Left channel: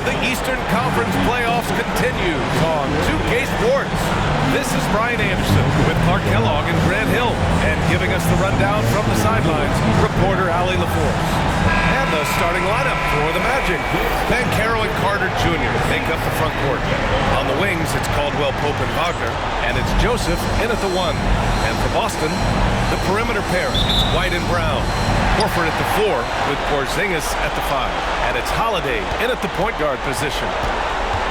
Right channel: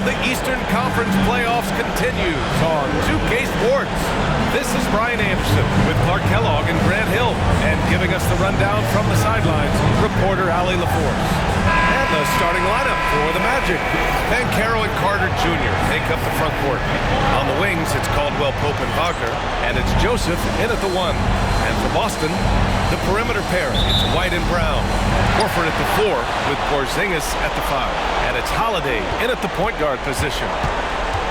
of the Eastern Conference playoffs continues on 2K Sports. This is Brian Anderson with Clark Kellogg and Grant Hill. And giving us the rundown from the sidelines, reporter Allie LaForce. And the starting lineup for the Magic. Banchero and Carter Jr. make up the front court. On the wings, it's Caldwell Pope and Wagner. And it's Joseph in at the 1. And for Boston, the perimeter pairing, it's White and Brown. Horford at the 4 with Porzingis at the 5. And it's Holiday in at the point guard position.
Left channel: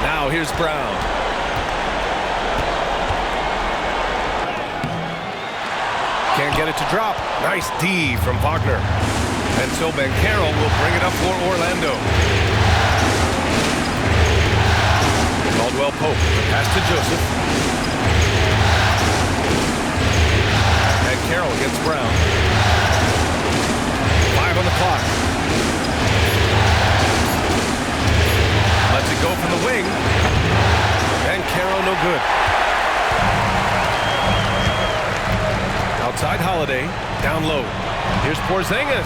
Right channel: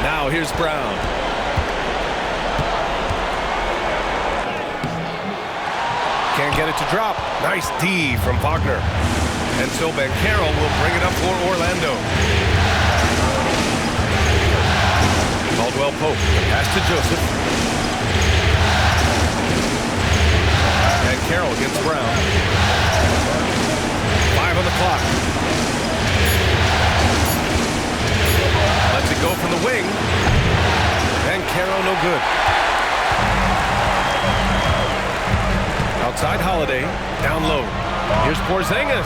Now here's Brown. Can't get it to drop. Nice D from Wagner. And so Banchero will bring it up for Orlando. Caldwell Pope, the pass to Joseph. Banchero against Brown. 5 on the clock. Lets it go from the wing. Banchero no good. Outside Holiday, down low. Here's Porzingis,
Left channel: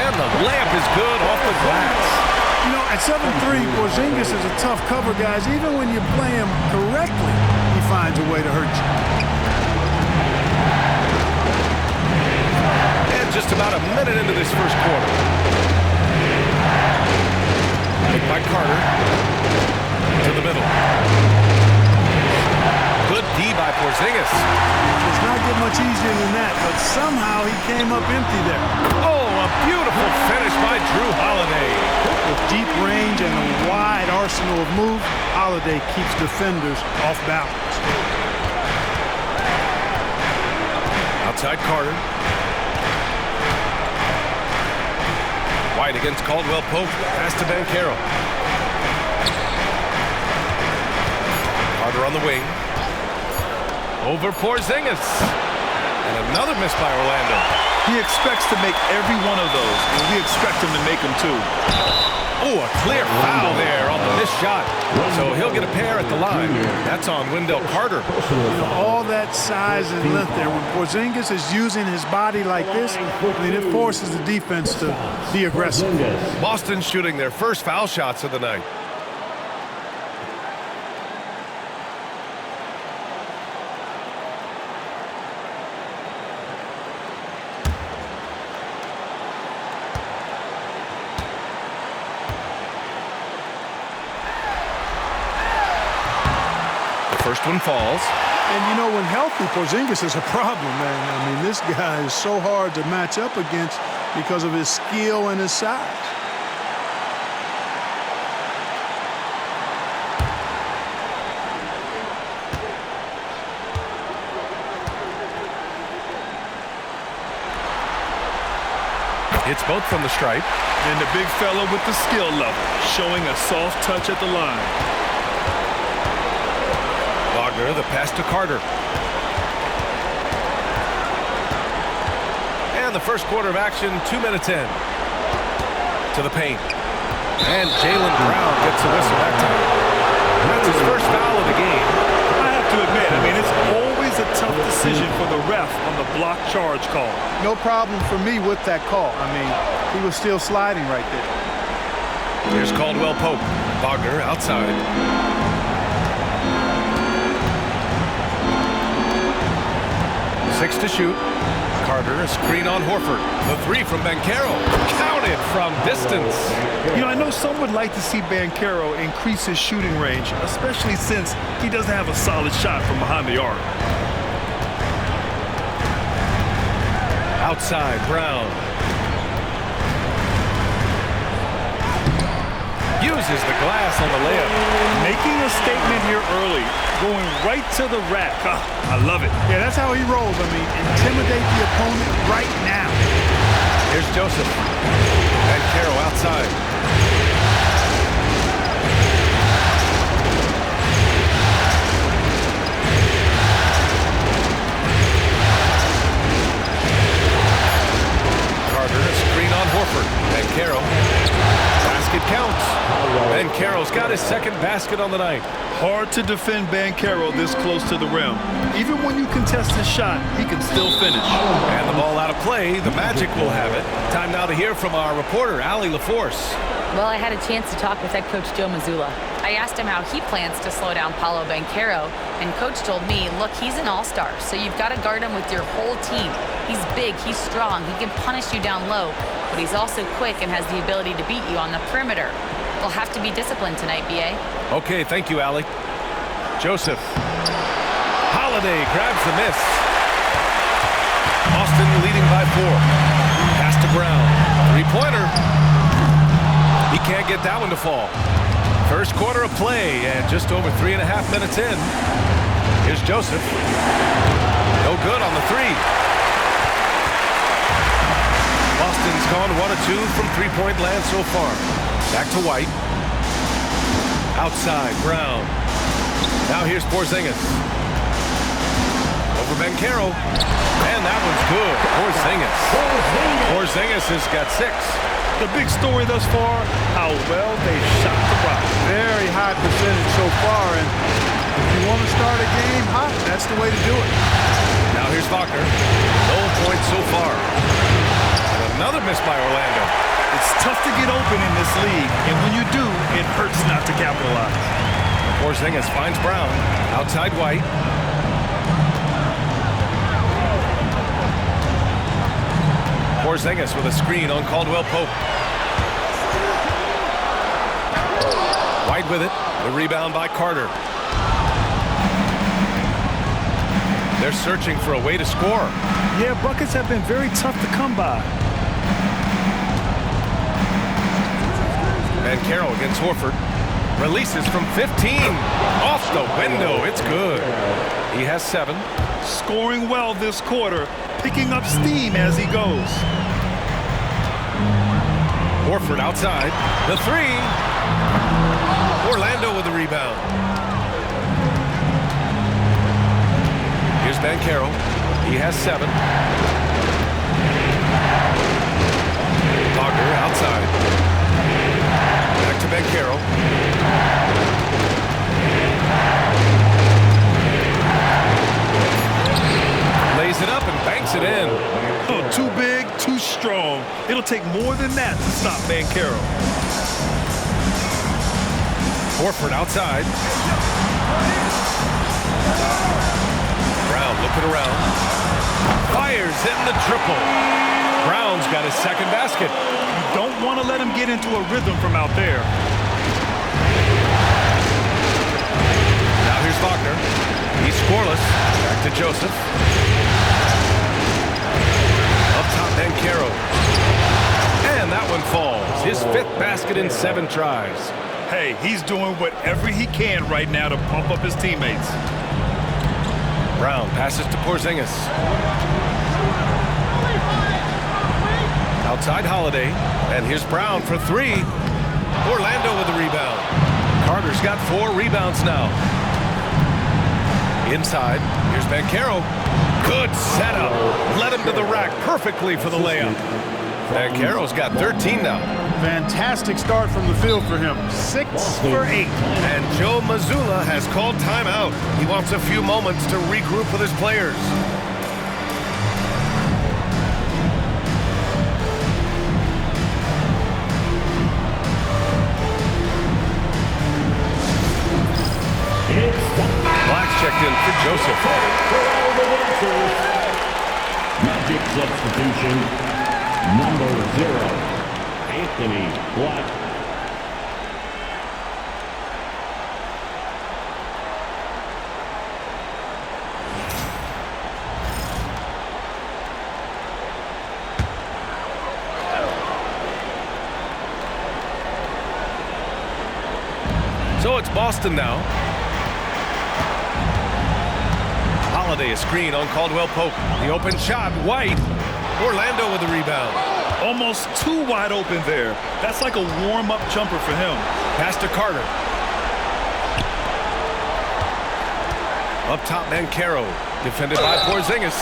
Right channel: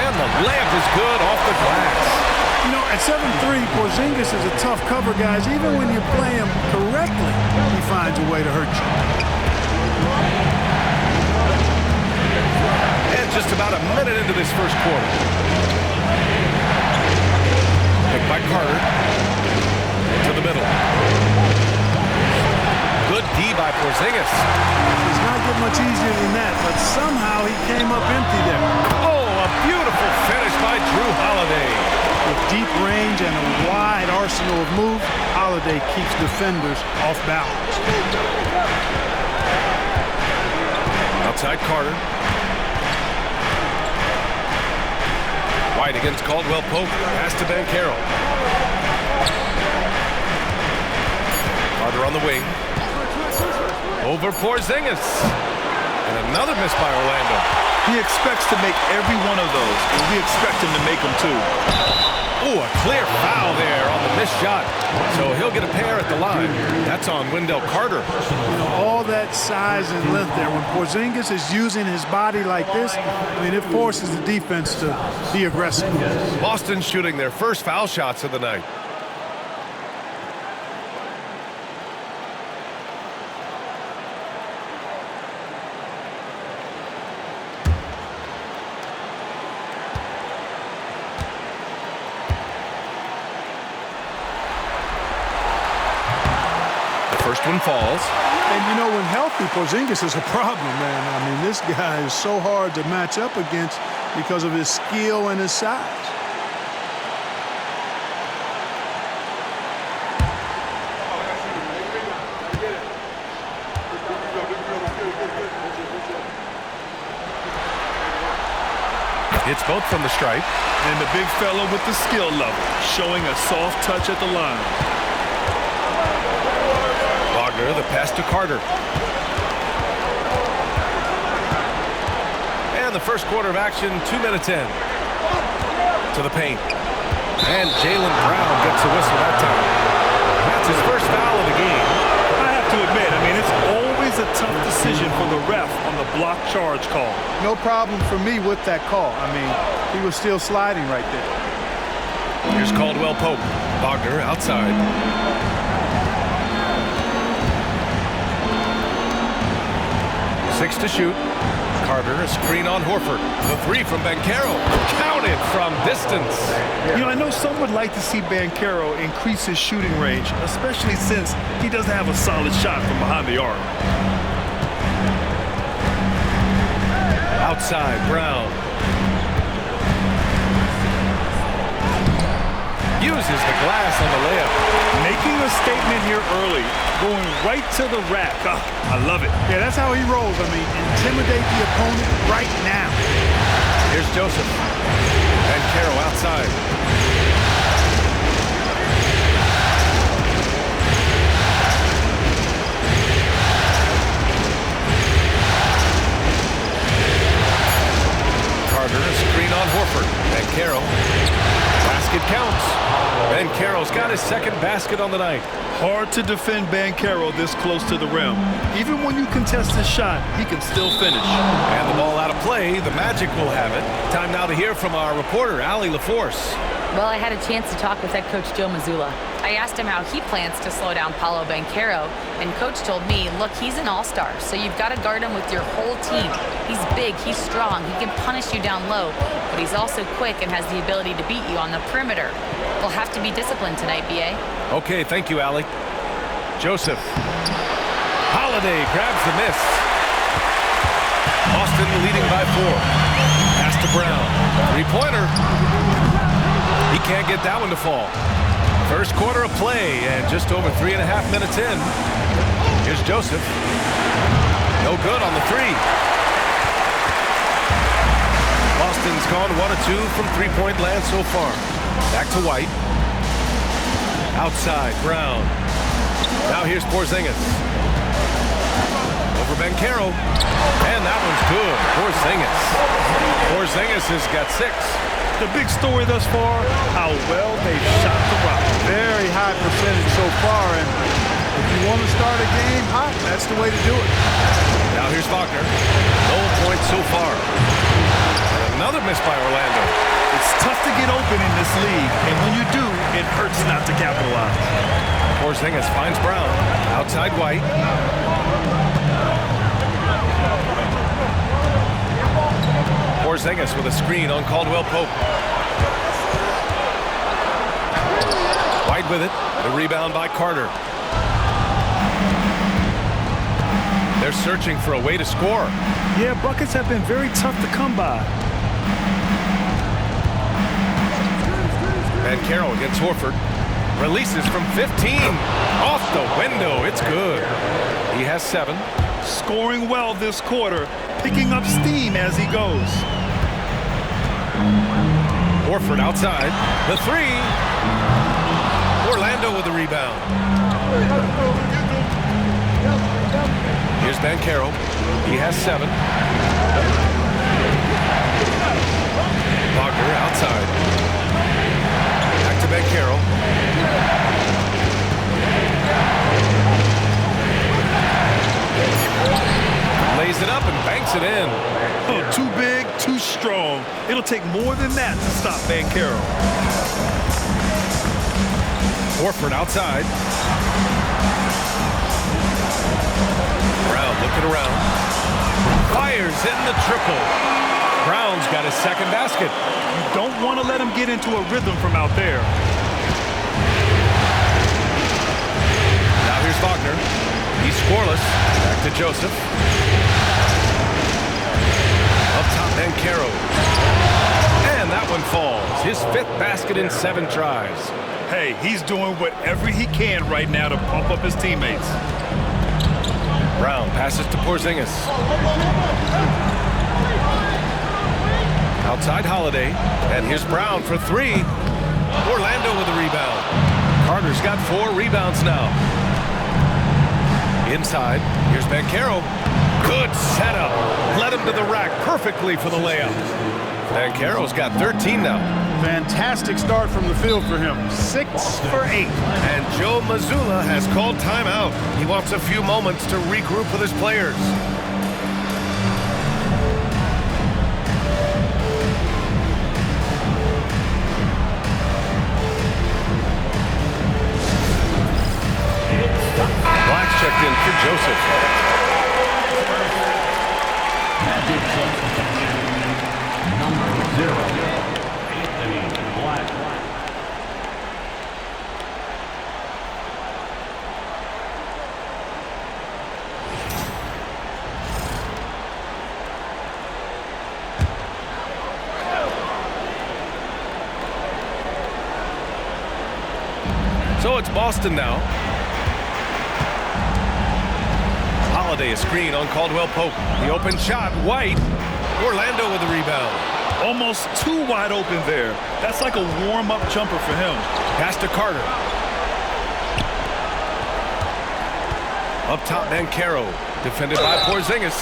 and the layup is good off the glass. You know, at 7'3", Porzingis is a tough cover, guys. Even when you play him correctly, he finds a way to hurt you. And just about a minute into this first quarter. Picked by Carter. To the middle. Good D by Porzingis. Does not get much easier than that, but somehow he came up empty there. Oh, a beautiful finish by Drew Holiday. With deep range and a wide arsenal of moves, Holiday keeps defenders off balance. Outside Carter. White against Caldwell Pope. Pass to Banchero. Carter on the wing. Over Porzingis. And another miss by Orlando. He expects to make every one of those, and we expect him to make them too. Oh, a clear foul there on the missed shot. So he'll get a pair at the line. That's on Wendell Carter. You know, all that size and length there. When Porzingis is using his body like this, I mean, it forces the defense to be aggressive. Boston shooting their first foul shots of the night. First one falls. And, you know, when healthy, Porzingis is a problem, man. I mean, this guy is so hard to match up against because of his skill and his size. It's both from the stripe. And the big fella with the skill level, showing a soft touch at the line. Wagner, the pass to Carter. And the first quarter of action, 2 minutes in. To the paint. And Jaylen Brown gets a whistle that time. That's his first foul of the game. I have to admit, I mean, it's always a tough decision for the ref on the block charge call. No problem for me with that call. I mean, he was still sliding right there. Here's Caldwell Pope. Wagner outside. Six to shoot. Carter, a screen on Horford. The 3 from Banchero. Counted from distance. You know, I know some would like to see Banchero increase his shooting range, especially since he doesn't have a solid shot from behind the arc. Outside, Brown. Uses the glass on the layup. Making a statement here early, going right to the rack. Oh, I love it. Yeah, that's how he rolls. I mean, intimidate the opponent right now. Here's Joseph. Banchero outside. Carter, a screen on Horford. Banchero. Basket counts. Banchero's got his second basket on the night. Hard to defend Banchero this close to the rim. Even when you contest his shot, he can still finish. And the ball out of play. The Magic will have it. Time now to hear from our reporter, Allie LaForce. Well, I had a chance to talk with head coach Joe Mazzulla. I asked him how he plans to slow down Paolo Banchero, and coach told me, look, he's an all-star, so you've got to guard him with your whole team. He's big, he's strong, he can punish you down low, but he's also quick and has the ability to beat you on the perimeter. They'll have to be disciplined tonight, B.A. Okay, thank you, Allie. Joseph. Holiday grabs the miss. Boston leading by 4. Pass to Brown. Three-pointer. He can't get that one to fall. First quarter of play, and just over 3.5 minutes in. Here's Joseph. No good on the three. Boston's gone 1 of 2 from three-point land so far. Back to White. Outside, Brown. Now here's Porzingis. Over Banchero. And that one's good. Porzingis has got 6. The big story thus far, how well they've shot the rock. Very high percentage so far, and if you want to start a game hot, that's the way to do it. Now here's Wagner. No points so far. And another miss by Orlando. It's tough to get open in this league, and when you do, it hurts not to capitalize. Porzingis finds Brown. Outside White. Porzingis with a screen on Caldwell Pope. White with it. The rebound by Carter. They're searching for a way to score. Yeah, buckets have been very tough to come by. Banchero against Horford. Releases from 15. Off the window. It's good. He has 7. Scoring well this quarter. Picking up steam as he goes. Horford outside. The three. Orlando with the rebound. Here's Banchero. He has 7. Wagner outside. Back to Banchero. Lays it up and banks it in. Oh, too big, too strong. It'll take more than that to stop Banchero. Horford outside. Brown looking around. Fires, hitting the triple. Brown's got his second basket. You don't want to let him get into a rhythm from out there. Now here's Wagner. He's scoreless. Back to Joseph. Up top, Banchero. And that one falls. His 5th basket in 7 tries. Hey, he's doing whatever he can right now to pump up his teammates. Brown passes to Porzingis. Outside Holiday. And here's Brown for 3. Orlando with the rebound. Carter's got 4 rebounds now. Inside, here's Banchero. Good setup. Led him to the rack perfectly for the layup. Banchero's got 13 now. Fantastic start from the field for him. 6 for 8. And Joe Mazzulla has called timeout. He wants a few moments to regroup with his players. Black's checked in for Joseph. Magic substitution, number 0, Anthony Black. So it's Boston now. Holiday a screen on Caldwell Pope. The open shot, White. Orlando with the rebound. Almost too wide open there. That's like a warm-up jumper for him. Pass to Carter. Up top, Banchero. Defended by Porzingis.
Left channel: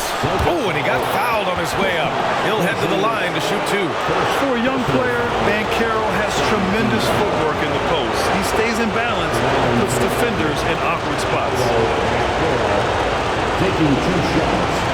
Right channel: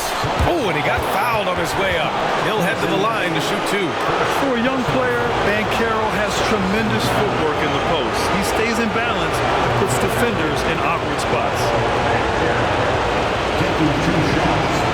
Oh, and he got fouled on his way up. He'll head to the line to shoot 2. For a young player, Banchero has tremendous footwork in the post. He stays in balance and puts defenders in awkward spots. Taking 2 shots.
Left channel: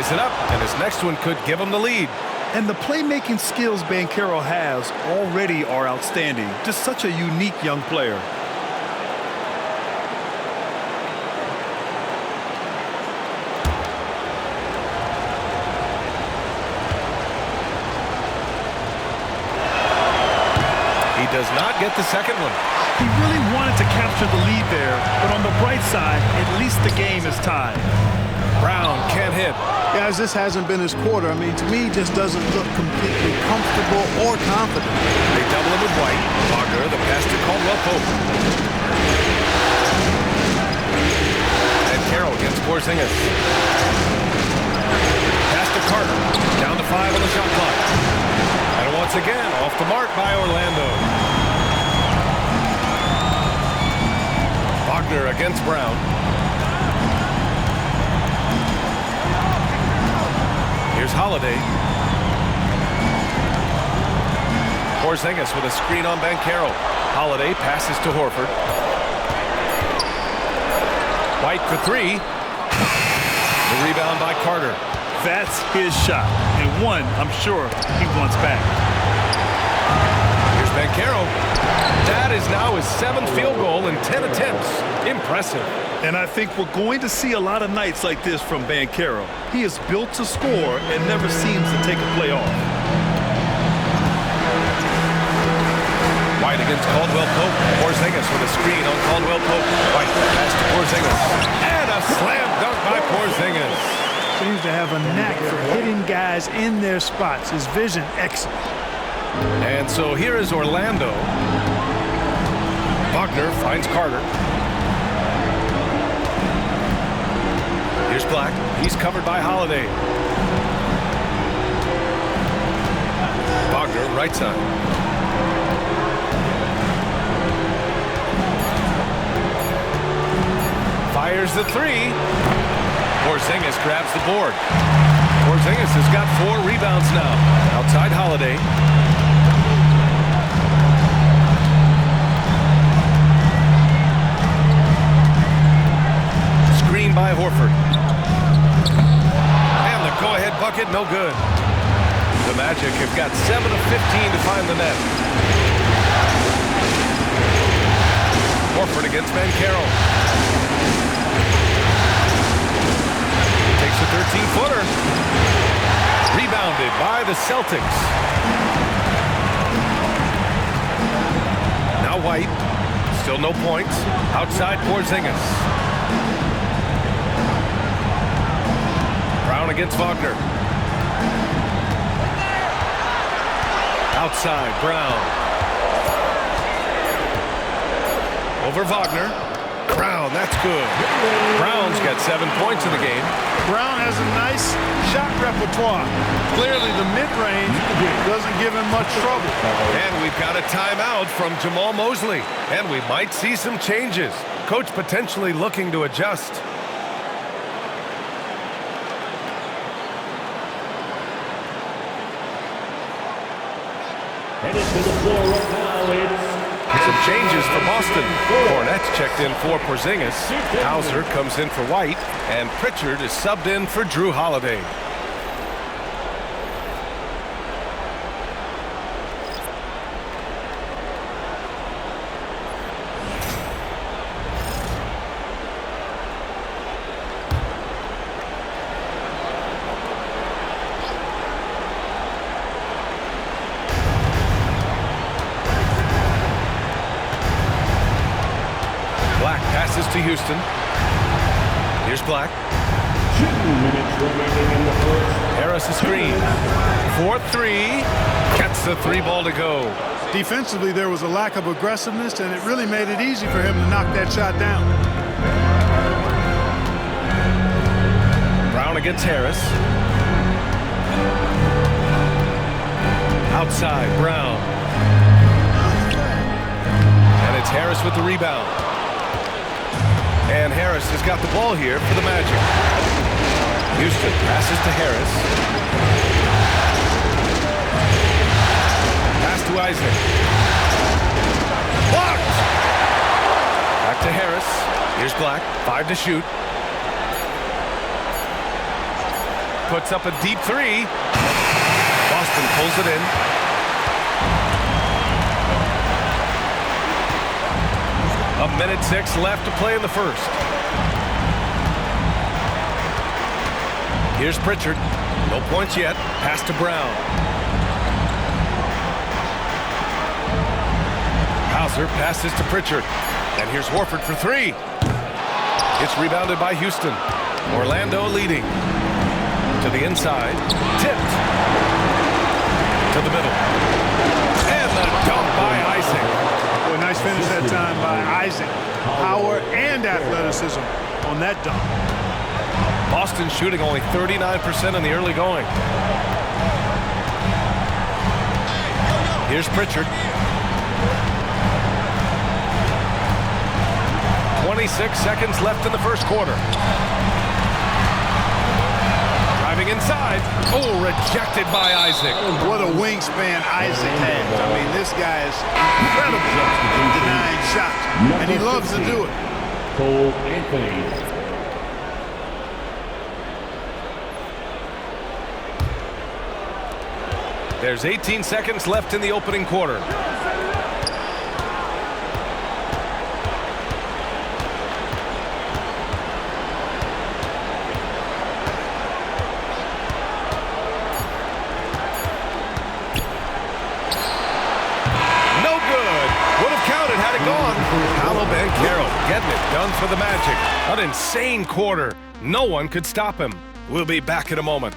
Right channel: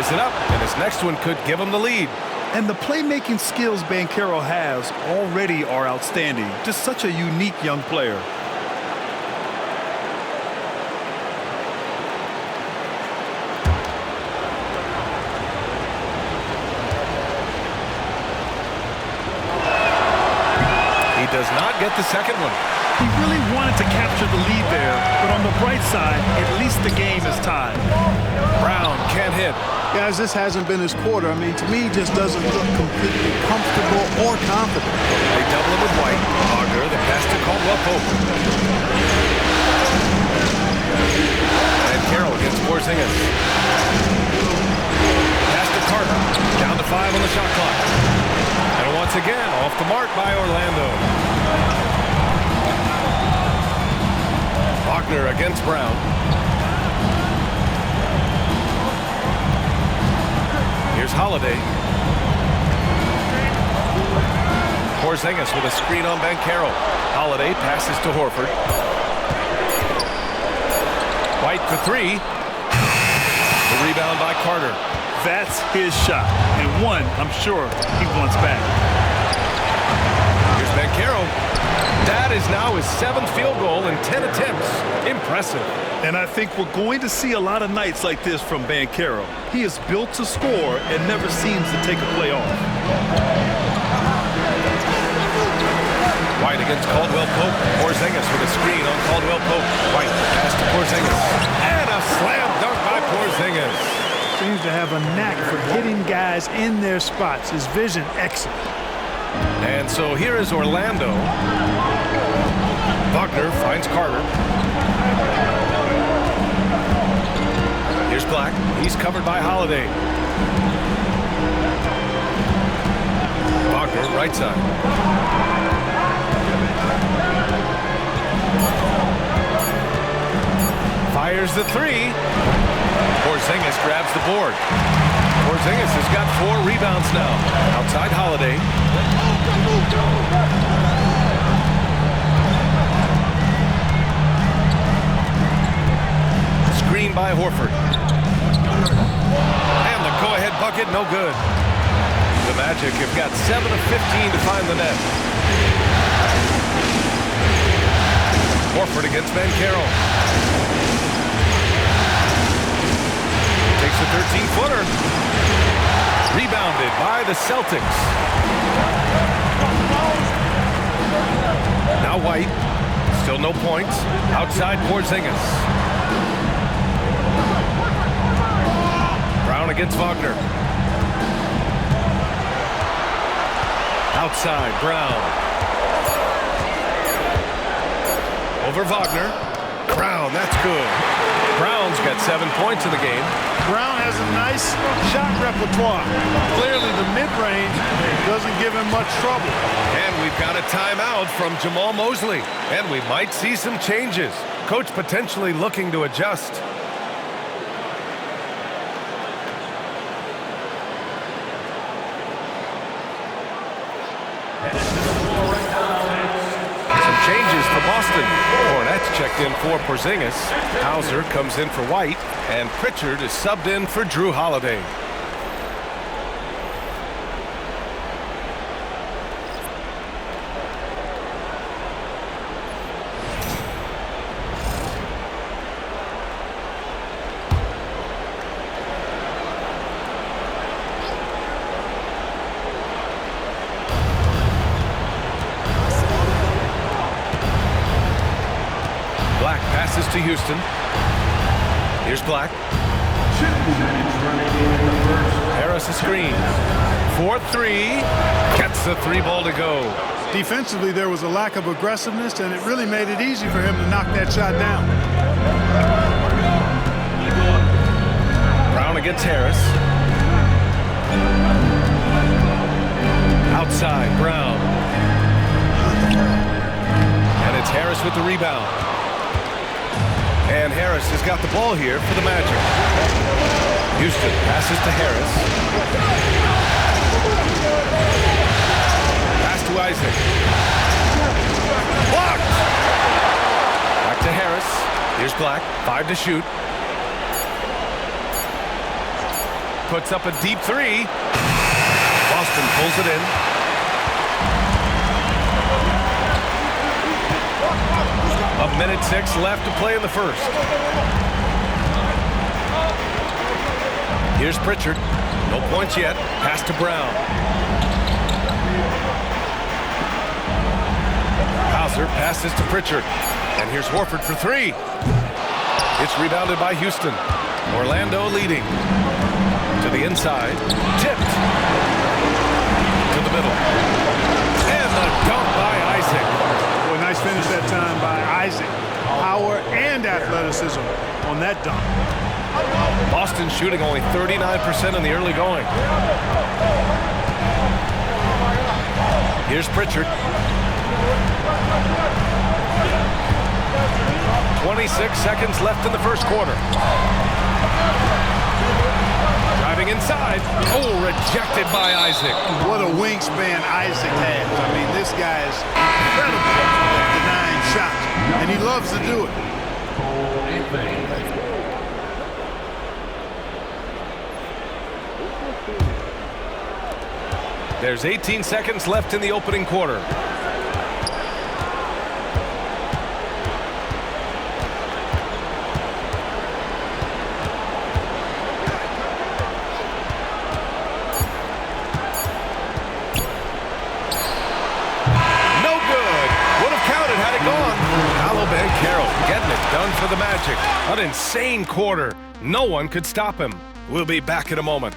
ties it up, and his next one could give him the lead. And the playmaking skills Banchero has already are outstanding. Just such a unique young player. He does not get the second one. He really wanted to capture the lead there, but on the bright side, at least the game is tied. Brown can't hit. Guys, this hasn't been his quarter. I mean, to me, he just doesn't look completely comfortable or confident. They double him with White. Wagner, the pass to Caldwell-Pope. And Carroll against Porzingis. Pass to Carter. Down to 5 on the shot clock. And once again, off the mark by Orlando. Wagner against Brown. Here's Holiday. Porzingis with a screen on Banchero. Holiday passes to Horford. White for 3. The rebound by Carter. That's his shot, and one I'm sure he wants back. Here's Banchero. That is now his 7th field goal in 10 attempts. Impressive. And I think we're going to see a lot of nights like this from Banchero. He is built to score and never seems to take a play off. White against Caldwell-Pope. Porzingis with a screen on Caldwell-Pope. White pass to Porzingis. And a slam dunk by Porzingis. Seems to have a knack for hitting guys in their spots. His vision, excellent. And so here is Orlando. Wagner finds Carter. Here's Black. He's covered by Holiday. Wagner, right side. Fires the 3. Porzingis grabs the board. Porzingis has got 4 rebounds now. Outside Holiday. Screen by Horford. And the go-ahead bucket, no good. The Magic have got 7 of 15 to find the net. Horford against Banchero. Takes a 13-footer. Rebounded by the Celtics. Now White. Still no points. Outside Porzingis. Brown against Wagner. Outside Brown. Over Wagner. Brown, that's good. Brown's got 7 points in the game. Brown has a nice shot repertoire. Clearly, the mid-range doesn't give him much trouble. And we've got a timeout from Jamal Mosley. And we might see some changes. Coach potentially looking to adjust. Headed to the floor right now, it's Some changes for Boston. Cornette's checked in for Porzingis. Hauser comes in for White. And Pritchard is subbed in for Drew Holiday. Black passes to Houston. Here's Black. 2 minutes remaining in the first. Harris a screen. 4-3. Gets the 3 ball to go. Defensively, there was a lack of aggressiveness, and it really made it easy for him to knock that shot down. Brown against Harris. Outside, Brown. And it's Harris with the rebound. And Harris has got the ball here for the Magic. Houston passes to Harris. Pass to Isaac. Blocked! Back to Harris. Here's Black. 5 to shoot. puts up a deep three. Boston pulls it in. A minute 6 left to play in the first. Here's Pritchard. No points yet. Pass to Brown. Hauser passes to Pritchard. And here's Horford for 3. It's rebounded by Houston. Orlando leading. To the inside. Tipped. To the middle. And the dunk by Isaac. Boy, nice finish that time by Isaac. Power and athleticism on that dunk. Boston shooting only 39% in the early going. Here's Pritchard. 26 seconds left in the first quarter. Driving inside. Oh, rejected by Isaac. What a wingspan Isaac has. I mean, this guy is incredible in denying shots, and he loves to do it. Cole Anthony. There's 18 seconds left in the opening quarter. Had it gone. Paolo Banchero getting it done for the Magic. An insane quarter. No one could stop him. We'll be back in a moment.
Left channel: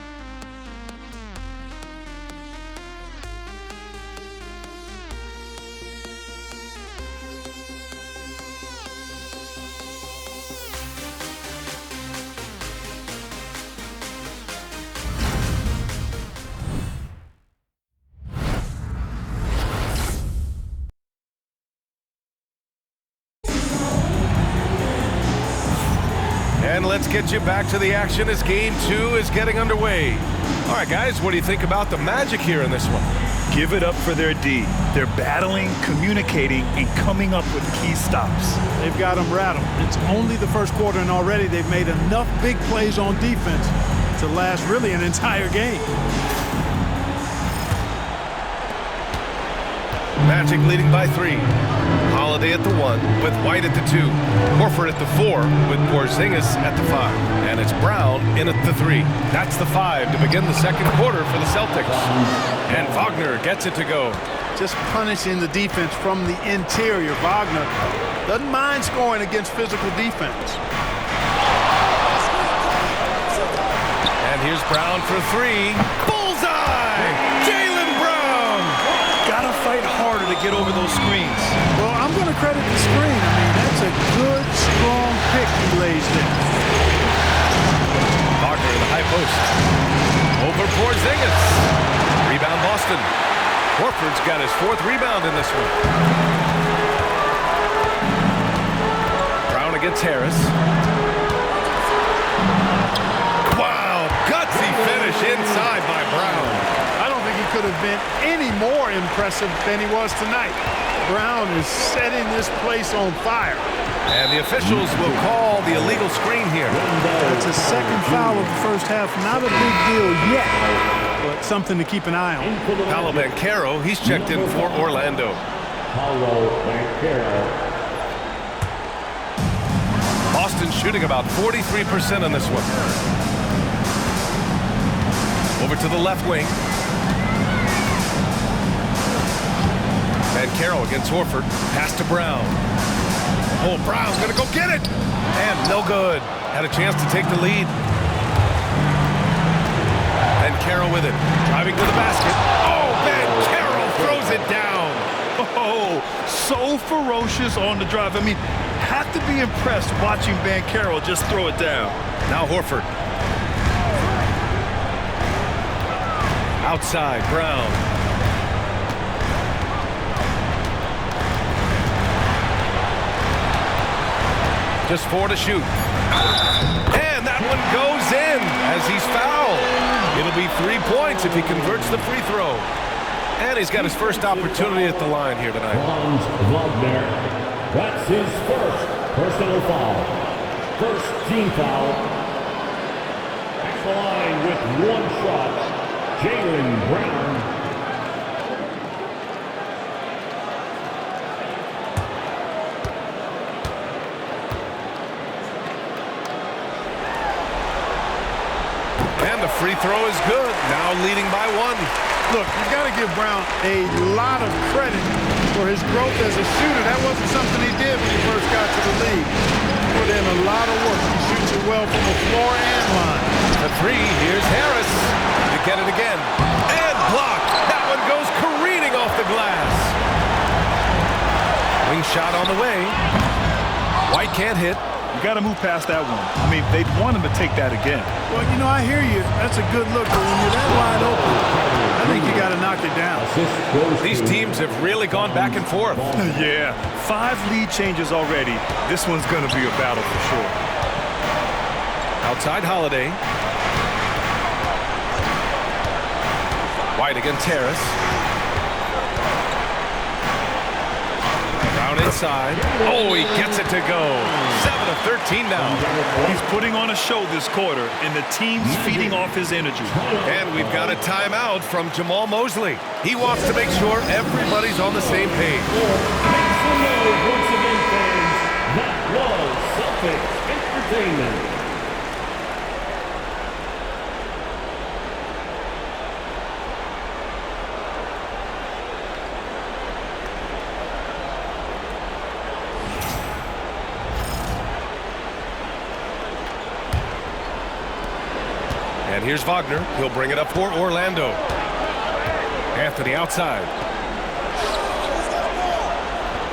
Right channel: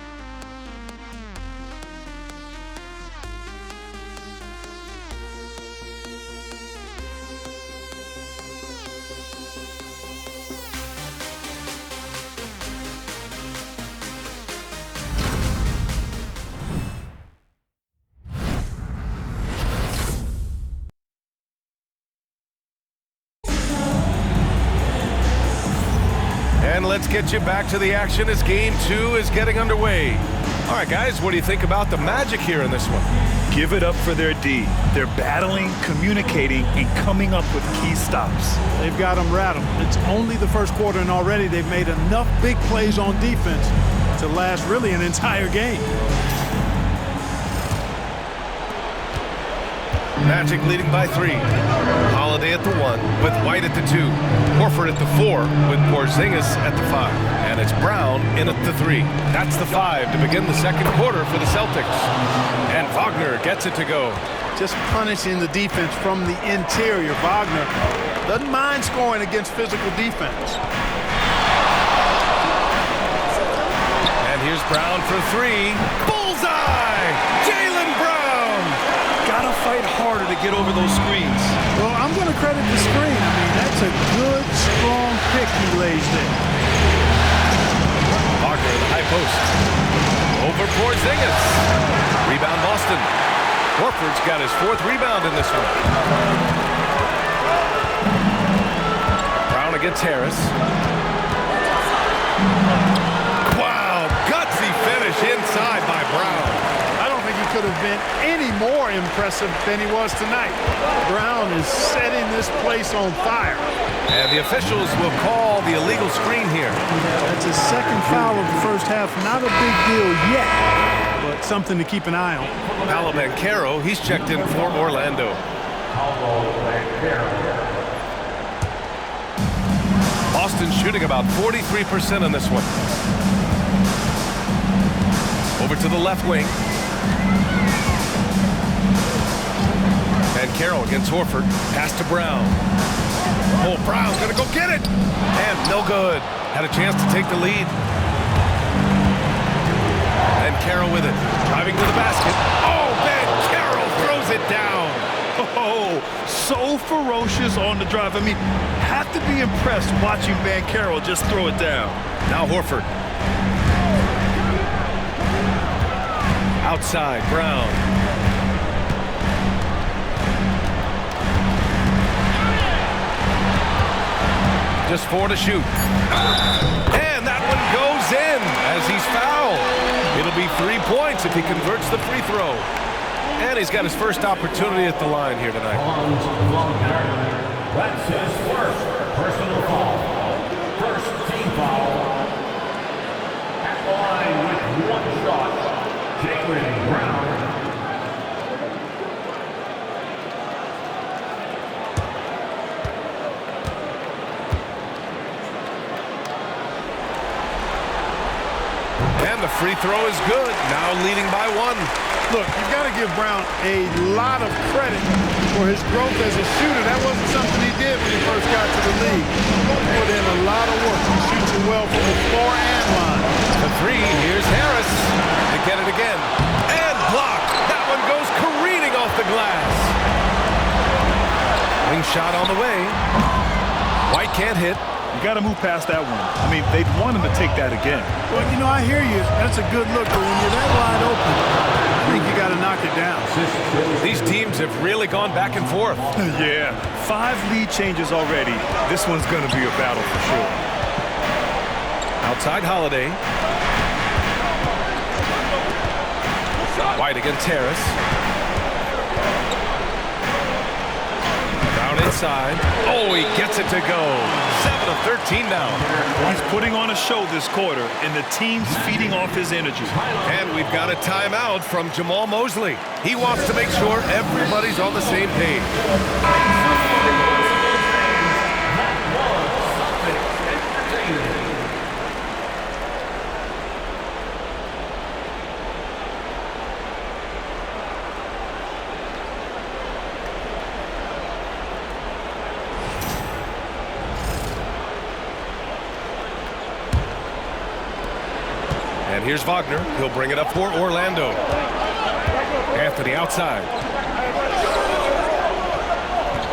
And let's get you back to the action as Game 2 is getting underway. All right, guys, what do you think about the Magic here in this one? Give it up for their D. They're battling, communicating, and coming up with key stops. They've got them rattled. It's only the first quarter, and already they've made enough big plays on defense to last really an entire game. Magic leading by 3. Holiday at the 1 with White at the 2. Horford at the 4 with Porzingis at the 5. And it's Brown in at the 3. That's the 5 to begin the second quarter for the Celtics. And Wagner gets it to go. Just punishing the defense from the interior. Wagner doesn't mind scoring against physical defense. And here's Brown for 3. Bullseye! Jaylen Brown! Gotta fight harder to get over those screens. Well, I'm going to credit the screen. I mean, that's a good, strong pick he lays there. Wagner in the high post. Over Porzingis. Rebound Boston. Horford's got his 4th rebound in this one. Brown against Harris. Wow, gutsy finish inside by Brown. I don't think he could have been any more impressive than he was tonight. Brown is setting this place on fire. And the officials will call the illegal screen here. That's his second foul of the first half. Not a big deal yet, but something to keep an eye on. Paolo Banchero, he's checked in for Orlando. Paolo Banchero. Boston shooting about 43% on this one. Over to the left wing. Banchero against Horford. Pass to Brown. Oh, Brown's gonna go get it! And no good. Had a chance to take the lead. Banchero with it. Driving to the basket. Oh, Banchero throws it down. Oh, so ferocious on the drive. I mean, have to be impressed watching Banchero just throw it down. Now Horford. Outside, Brown. Just 4 to shoot. And that one goes in as he's fouled. It'll be 3 points if he converts the free throw. And he's got his first opportunity at the line here tonight. Hans Wagner. That's his first personal foul. First team foul. At the line with shot, Jaylen Brown. And the free throw is good. Now leading by 1. Look, you've got to give Brown a lot of credit for his growth as a shooter. That wasn't something he did when he first got to the league. Put in a lot of work. He shoots it well from the floor and line. The 3, here's Harris to get it again. And blocked. That one goes careening off the glass. Wing shot on the way. White can't hit. You got to move past that one. I mean, they'd want him to take that again. Well, you know, I hear you. That's a good look, but when you're that wide open, I think you got to knock it down. These teams have really gone back and forth. Yeah, 5 lead changes already. This one's going to be a battle for sure. Outside Holiday. White against Harris. Brown inside. Oh, he gets it to go. 7 of 13 now. He's putting on a show this quarter, and the team's feeding off his energy. And we've got a timeout from Jamal Mosley. He wants to make sure everybody's on the same page. That was Celtics Entertainment. And here's Wagner. He'll bring it up for Orlando. Anthony outside.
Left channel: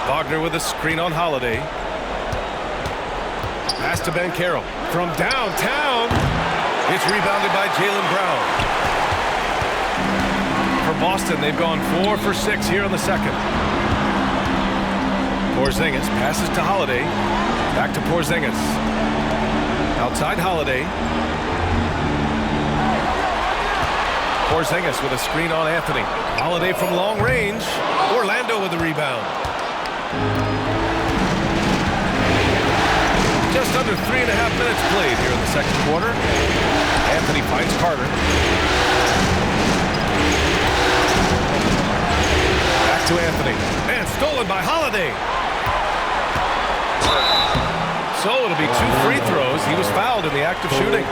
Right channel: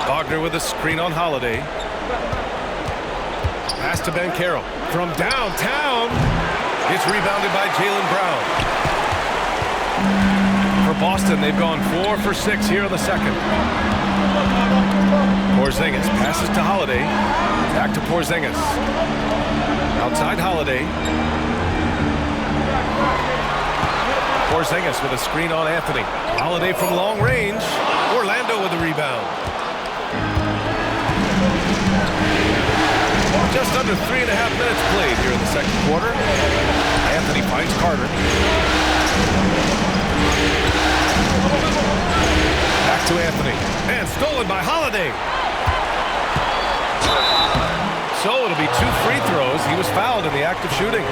Wagner with a screen on Holiday. Pass to Banchero. From downtown. It's rebounded by Jaylen Brown. For Boston, they've gone 4 for 6 here in the second. Porzingis passes to Holiday. Back to Porzingis. Outside Holiday. Porzingis with a screen on Anthony. Holiday from long range. Orlando with the rebound. Just under 3.5 minutes played here in the second quarter. Anthony finds Carter. Back to Anthony. And stolen by Holiday. So it'll be 2 free throws. He was fouled in the act of shooting.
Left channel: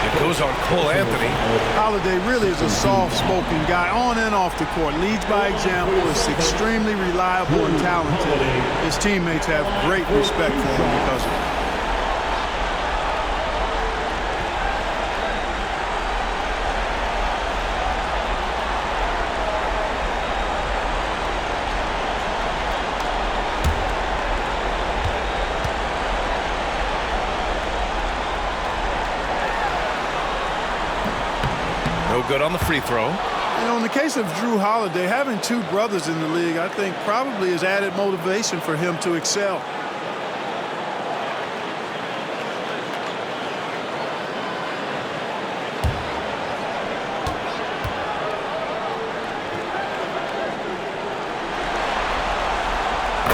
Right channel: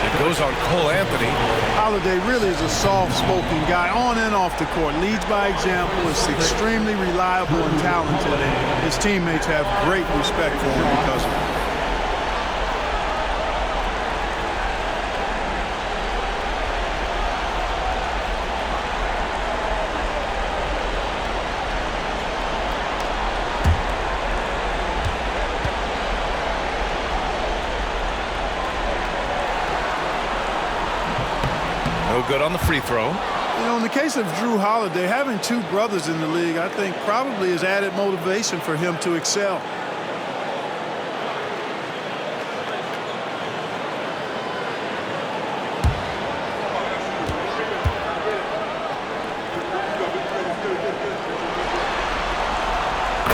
It goes on Cole Anthony. Holiday really is a soft-spoken guy on and off the court. Leads by example, is extremely reliable and talented. And his teammates have great respect for him because of it. No good on the free throw. You know, in the case of Drew Holiday, having 2 brothers in the league, I think probably is added motivation for him to excel.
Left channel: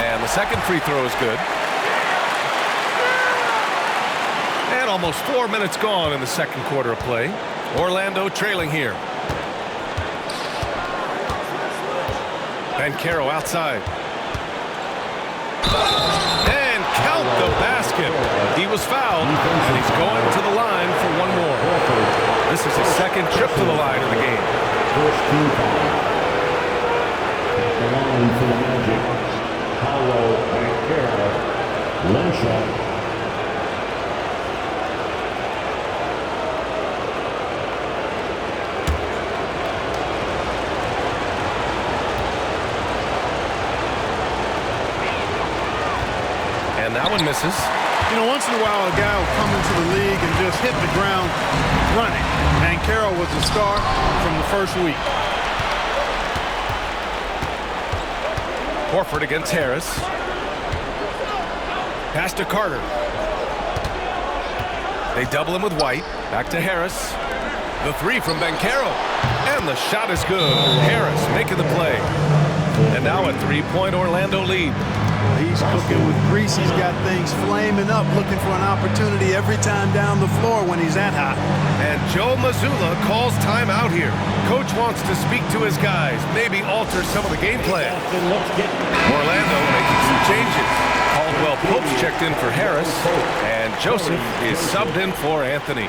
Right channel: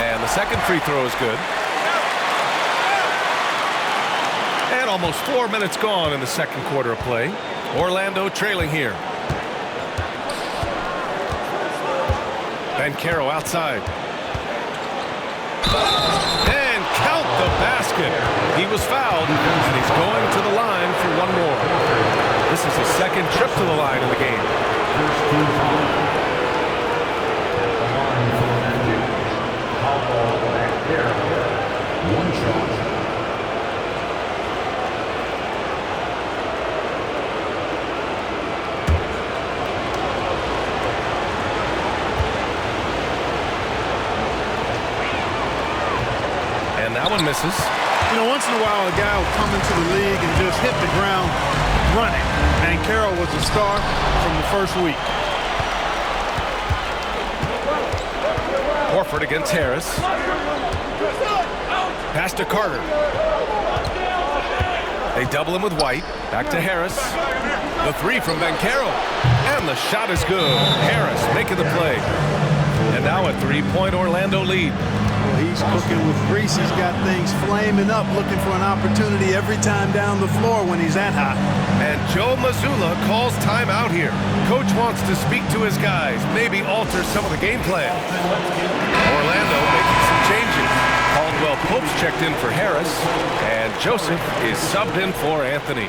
And the second free throw is good. And almost 4 minutes gone in the second quarter of play. Orlando trailing here. Banchero outside. And count the basket. He was fouled, and he's going to the line for 1 more. This is his second trip to the line in the game. First 2 fouls. The line for the Magic. Paulo Banchero. 1 shot. And that one misses. You know, once in a while, a guy will come into the league and just hit the ground running. Banchero was a star from the first week. Horford against Harris. Pass to Carter. They double him with White. Back to Harris. The 3 from Banchero. And the shot is good. Harris making the play. And now a 3-point Orlando lead. Well, he's cooking with grease. He's got things flaming up, looking for an opportunity every time down the floor when he's that hot. And Joe Mazzulla calls timeout here. Coach wants to speak to his guys, maybe alter some of the game plan. Orlando making some changes. Caldwell Pope's checked in for Harris, and Joseph is subbed in for Anthony.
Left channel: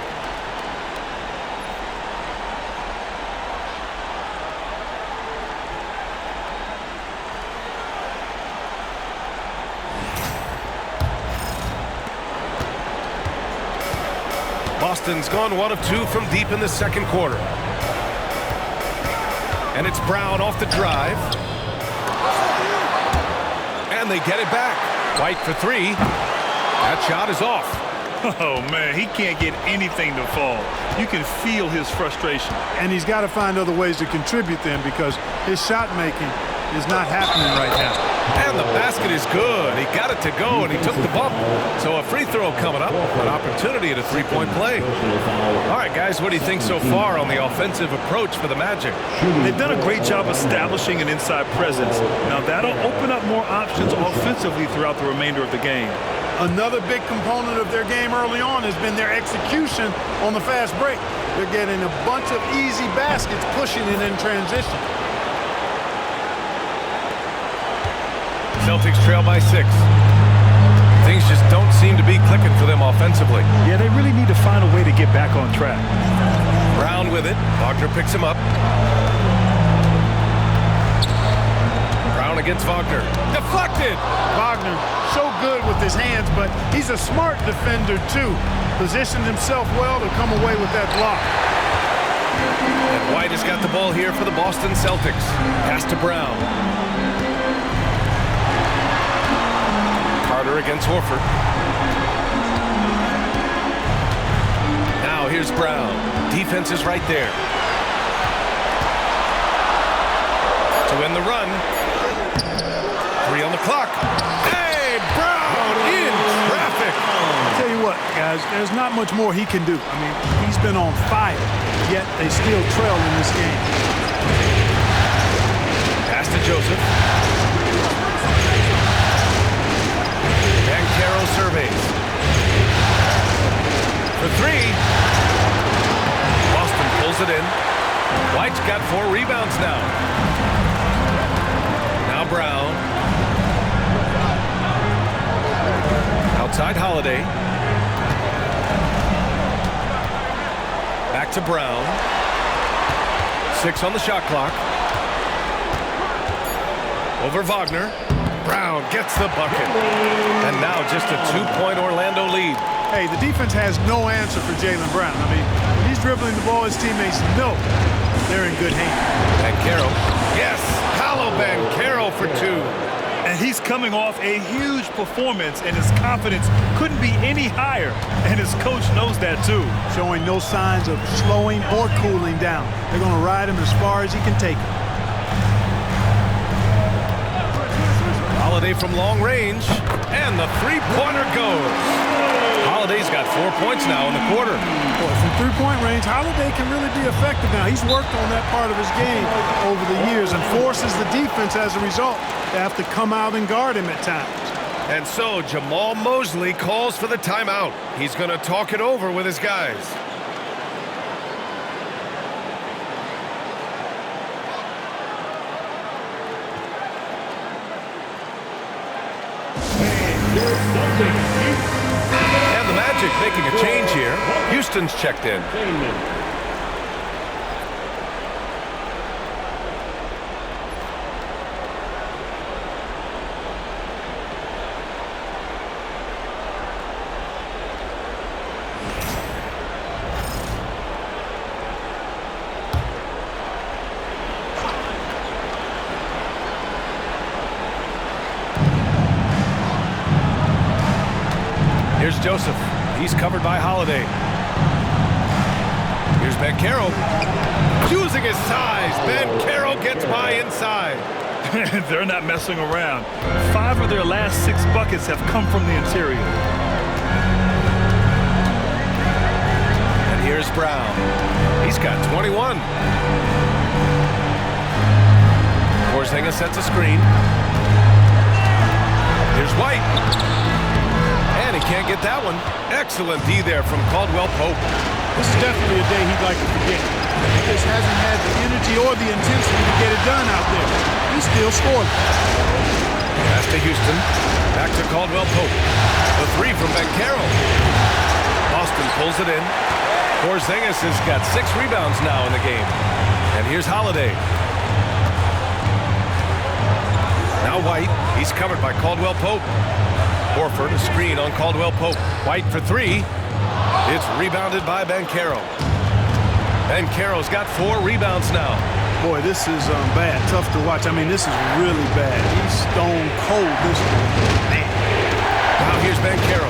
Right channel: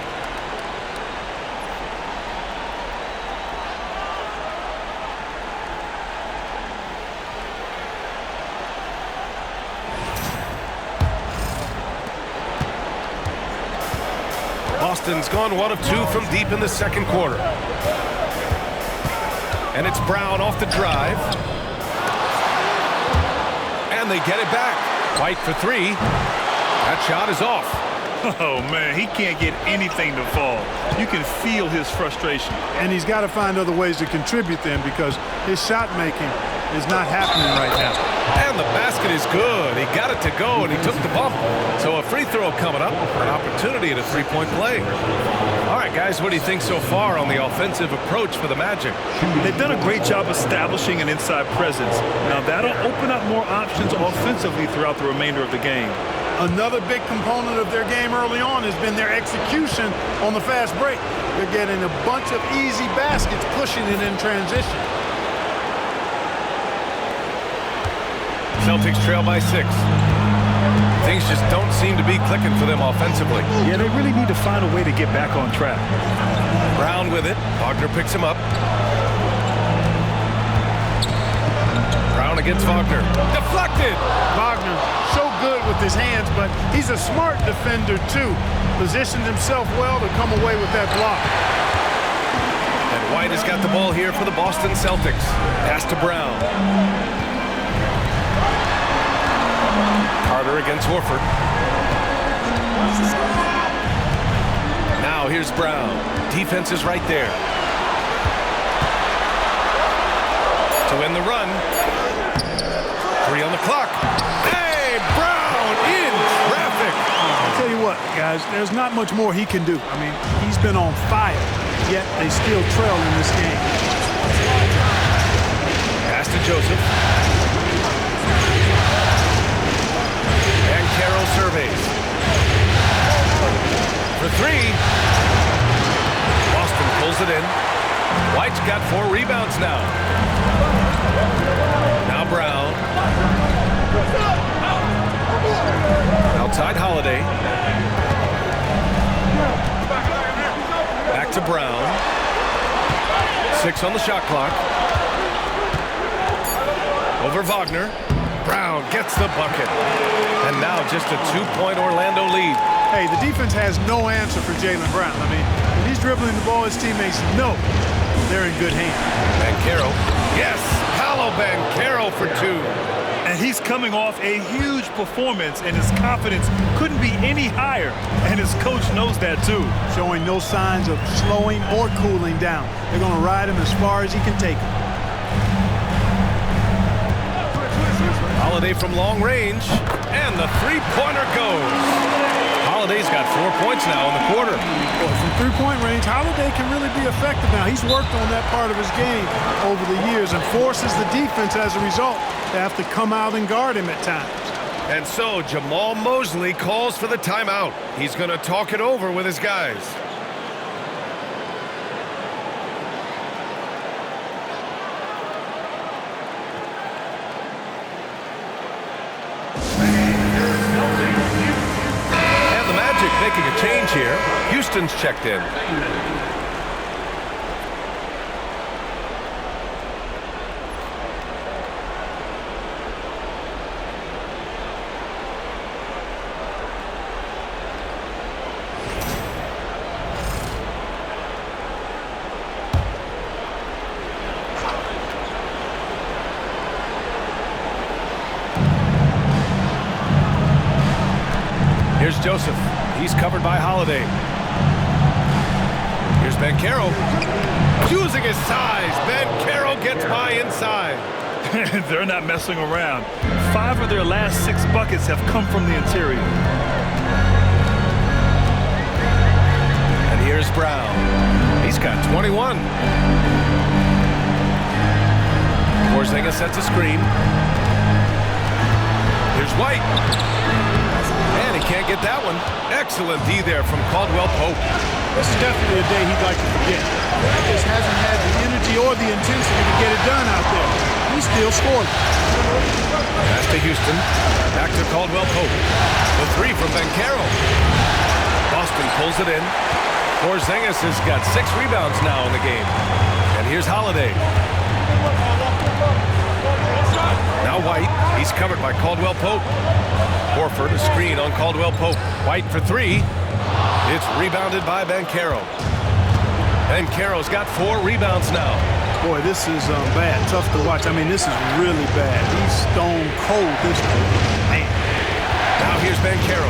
Boston's gone 1 of 2 from deep in the second quarter. And it's Brown off the drive. And they get it back. White for 3. That shot is off. Oh, man, he can't get anything to fall. You can feel his frustration. And he's got to find other ways to contribute then, because his shot making is not happening right now. And the basket is good. He got it to go, and he took the bump. So a free throw coming up, an opportunity at a three-point play. All right, guys, what do you think so far on the offensive approach for the Magic? They've done a great job establishing an inside presence. Now, that'll open up more options offensively throughout the remainder of the game. Another big component of their game early on has been their execution on the fast break. They're getting a bunch of easy baskets, pushing it in transition. Celtics trail by 6. Things just don't seem to be clicking for them offensively. Yeah, they really need to find a way to get back on track. Brown with it. Wagner picks him up. Brown against Wagner. Deflected! Wagner, so good with his hands, but he's a smart defender, too. Positioned himself well to come away with that block. And White has got the ball here for the Boston Celtics. Pass to Brown. Carter against Horford. Now here's Brown. Defense is right there. To end the run. 3 on the clock. Hey, Brown in traffic. I'll tell you what, guys, there's not much more he can do. I mean, he's been on fire, yet they still trail in this game. Pass to Joseph. And Carroll surveys. For 3. Boston pulls it in. White's got 4 rebounds now. Now Brown. Outside Holiday. Back to Brown. 6 on the shot clock. Over Wagner. Brown gets the bucket. And now just a 2-point Orlando lead. Hey, the defense has no answer for Jaylen Brown. I mean, when he's dribbling the ball, his teammates know they're in good hands. Banchero. Yes, Paolo Banchero for 2. And he's coming off a huge performance, and his confidence couldn't be any higher. And his coach knows that, too. Showing no signs of slowing or cooling down. They're going to ride him as far as he can take him. Holiday from long range, and the three-pointer goes. Holiday's got 4 points now in the quarter. Boy, from three-point range, Holiday can really be effective now. He's worked on that part of his game over the years and forces the defense as a result to have to come out and guard him at times. And so Jamal Mosley calls for the timeout. He's going to talk it over with his guys. And the Magic making a change here. Houston's checked in. Here's Joseph. He's covered by Holiday. Here's Banchero. Using his size, Banchero gets by inside. They're not messing around. 5 of their last 6 buckets have come from the interior. And here's Brown. He's got 21. Porzingis sets a screen. Here's White. And he can't get that one. Excellent D there from Caldwell Pope. This is definitely a day he'd like to forget. He just hasn't had the energy or the intensity to get it done out there. He still scored. Pass to Houston. Back to Caldwell Pope. The three from Banchero. Boston pulls it in. Porzingis has got 6 rebounds now in the game. And here's Holiday. Now White. He's covered by Caldwell Pope. Horford, a screen on Caldwell Pope. White for 3. It's rebounded by Banchero. Banchero's got 4 rebounds now. Boy, this is bad. Tough to watch. I mean, this is really bad. He's stone cold, this boy. Man. Now here's Banchero.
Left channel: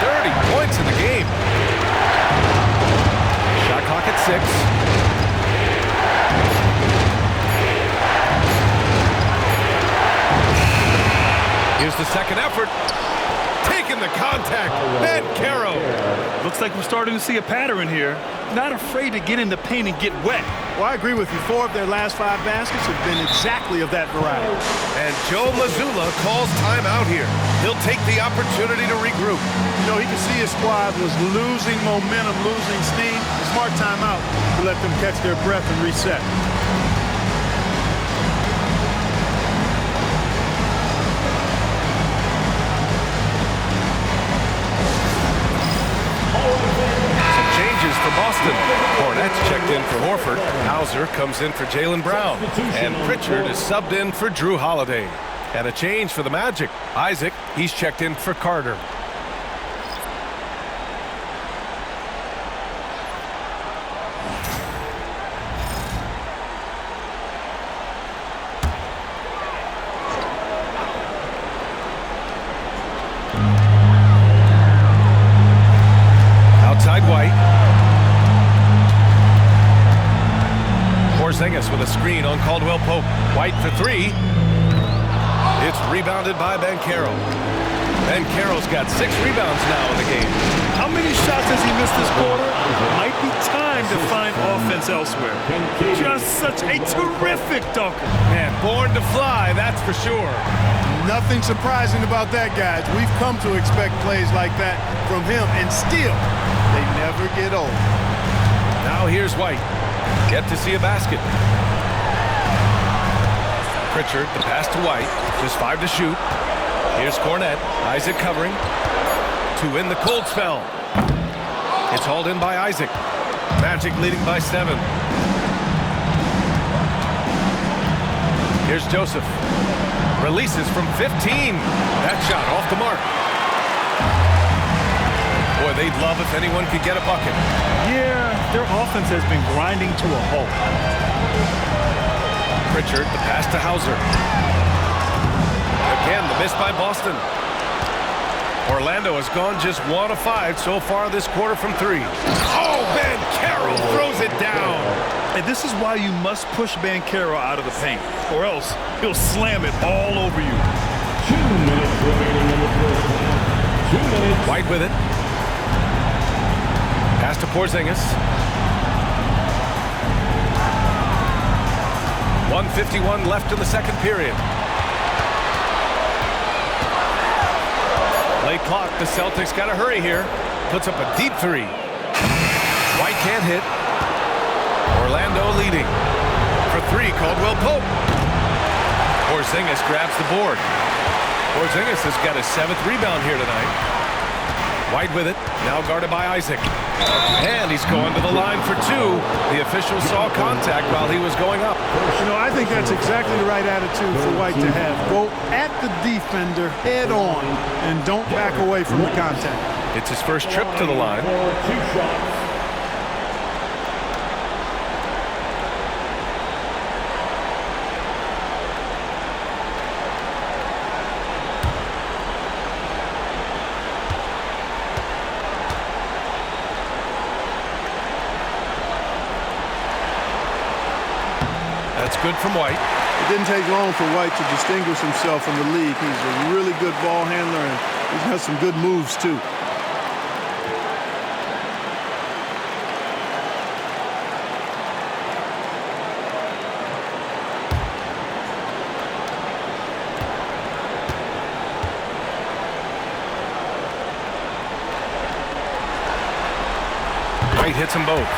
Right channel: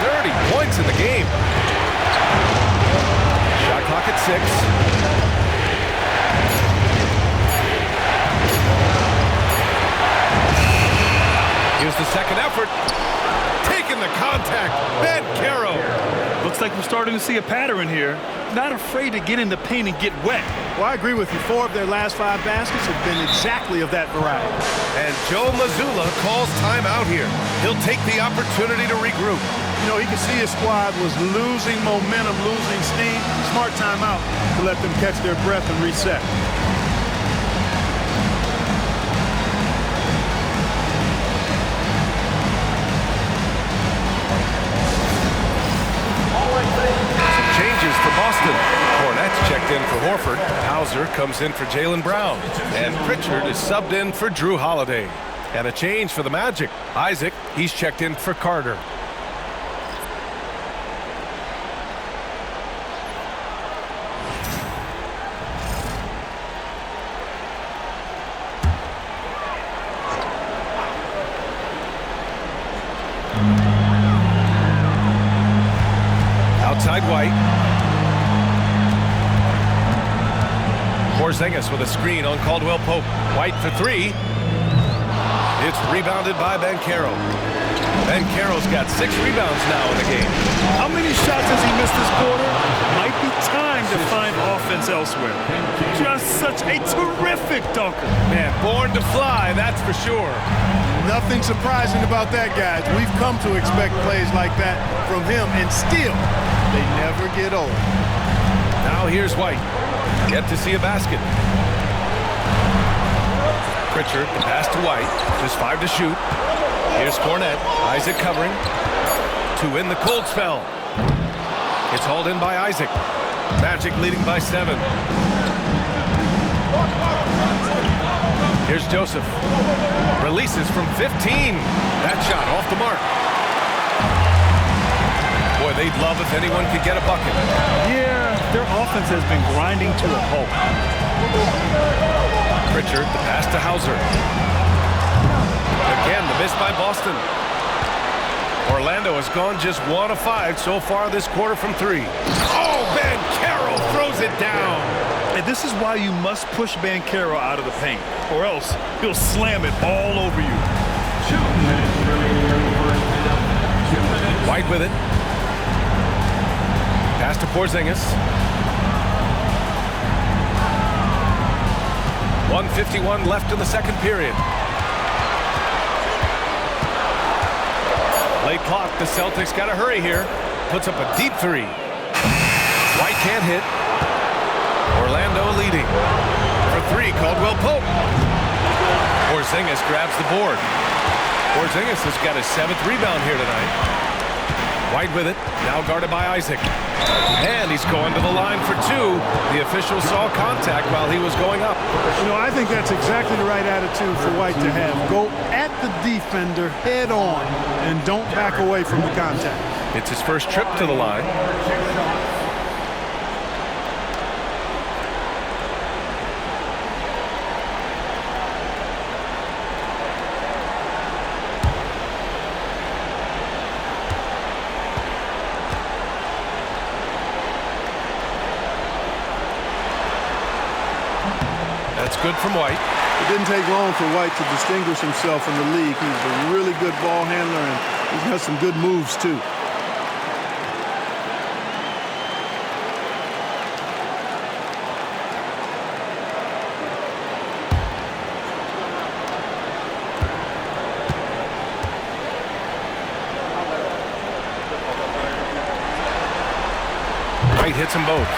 30 points in the game. Shot clock at 6. Here's the second effort. Taking the contact. Banchero. Looks like we're starting to see a pattern here. Not afraid to get in the paint and get wet. Well, I agree with you. 4 of their last 5 baskets have been exactly of that variety. And Joe Mazzulla calls timeout here. He'll take the opportunity to regroup. You know, he could see his squad was losing momentum, losing steam. Smart timeout to let them catch their breath and reset. Changes for Boston. Cornette's checked in for Horford. Hauser comes in for Jaylen Brown. And Pritchard is subbed in for Drew Holiday. And a change for the Magic. Isaac, he's checked in for Carter. Outside White. Porzingis with a screen on Caldwell Pope. White for 3. It's rebounded by Banchero. Banchero's got 6 rebounds now in the game. How many shots has he missed this quarter? Might be time to find offense elsewhere. Just such a terrific dunker. Man, born to fly, that's for sure. Nothing surprising about that, guys. We've come to expect plays like that from him, and still, they never get old. Now here's White. Yet to see a basket. Pritchard, the pass to White. Just 5 to shoot. Here's Cornette. Isaac covering. To win the cold spell. It's hauled in by Isaac. Magic leading by 7. Here's Joseph. Releases from 15. That shot off the mark. Boy, they'd love if anyone could get a bucket. Yeah, their offense has been grinding to a halt. Pritchard, the pass to Hauser. Again, the miss by Boston. Orlando has gone just 1 of 5 so far this quarter from 3. Oh, Banchero throws it down. And this is why you must push Banchero out of the paint, or else he'll slam it all over you. 2 minutes remaining in the first half. 2 minutes. White with it. Pass to Porzingis. 1:51 left in the second period. Late clock. The Celtics got to hurry here. Puts up a deep 3. White can't hit. Orlando leading. For 3, Caldwell Pope. Porzingis grabs the board. Porzingis has got his 7th rebound here tonight. White with it. Now guarded by Isaac. And he's going to the line for 2. The official saw contact while he was going up. You know, I think that's exactly the right attitude for White to have. Go at the defender head on and don't back away from the contact. It's his first trip to the line. 2 shots. That's good from White. It didn't take long for White to distinguish himself in the league. He's a really good ball handler, and he's got some good moves, too. White hits them both.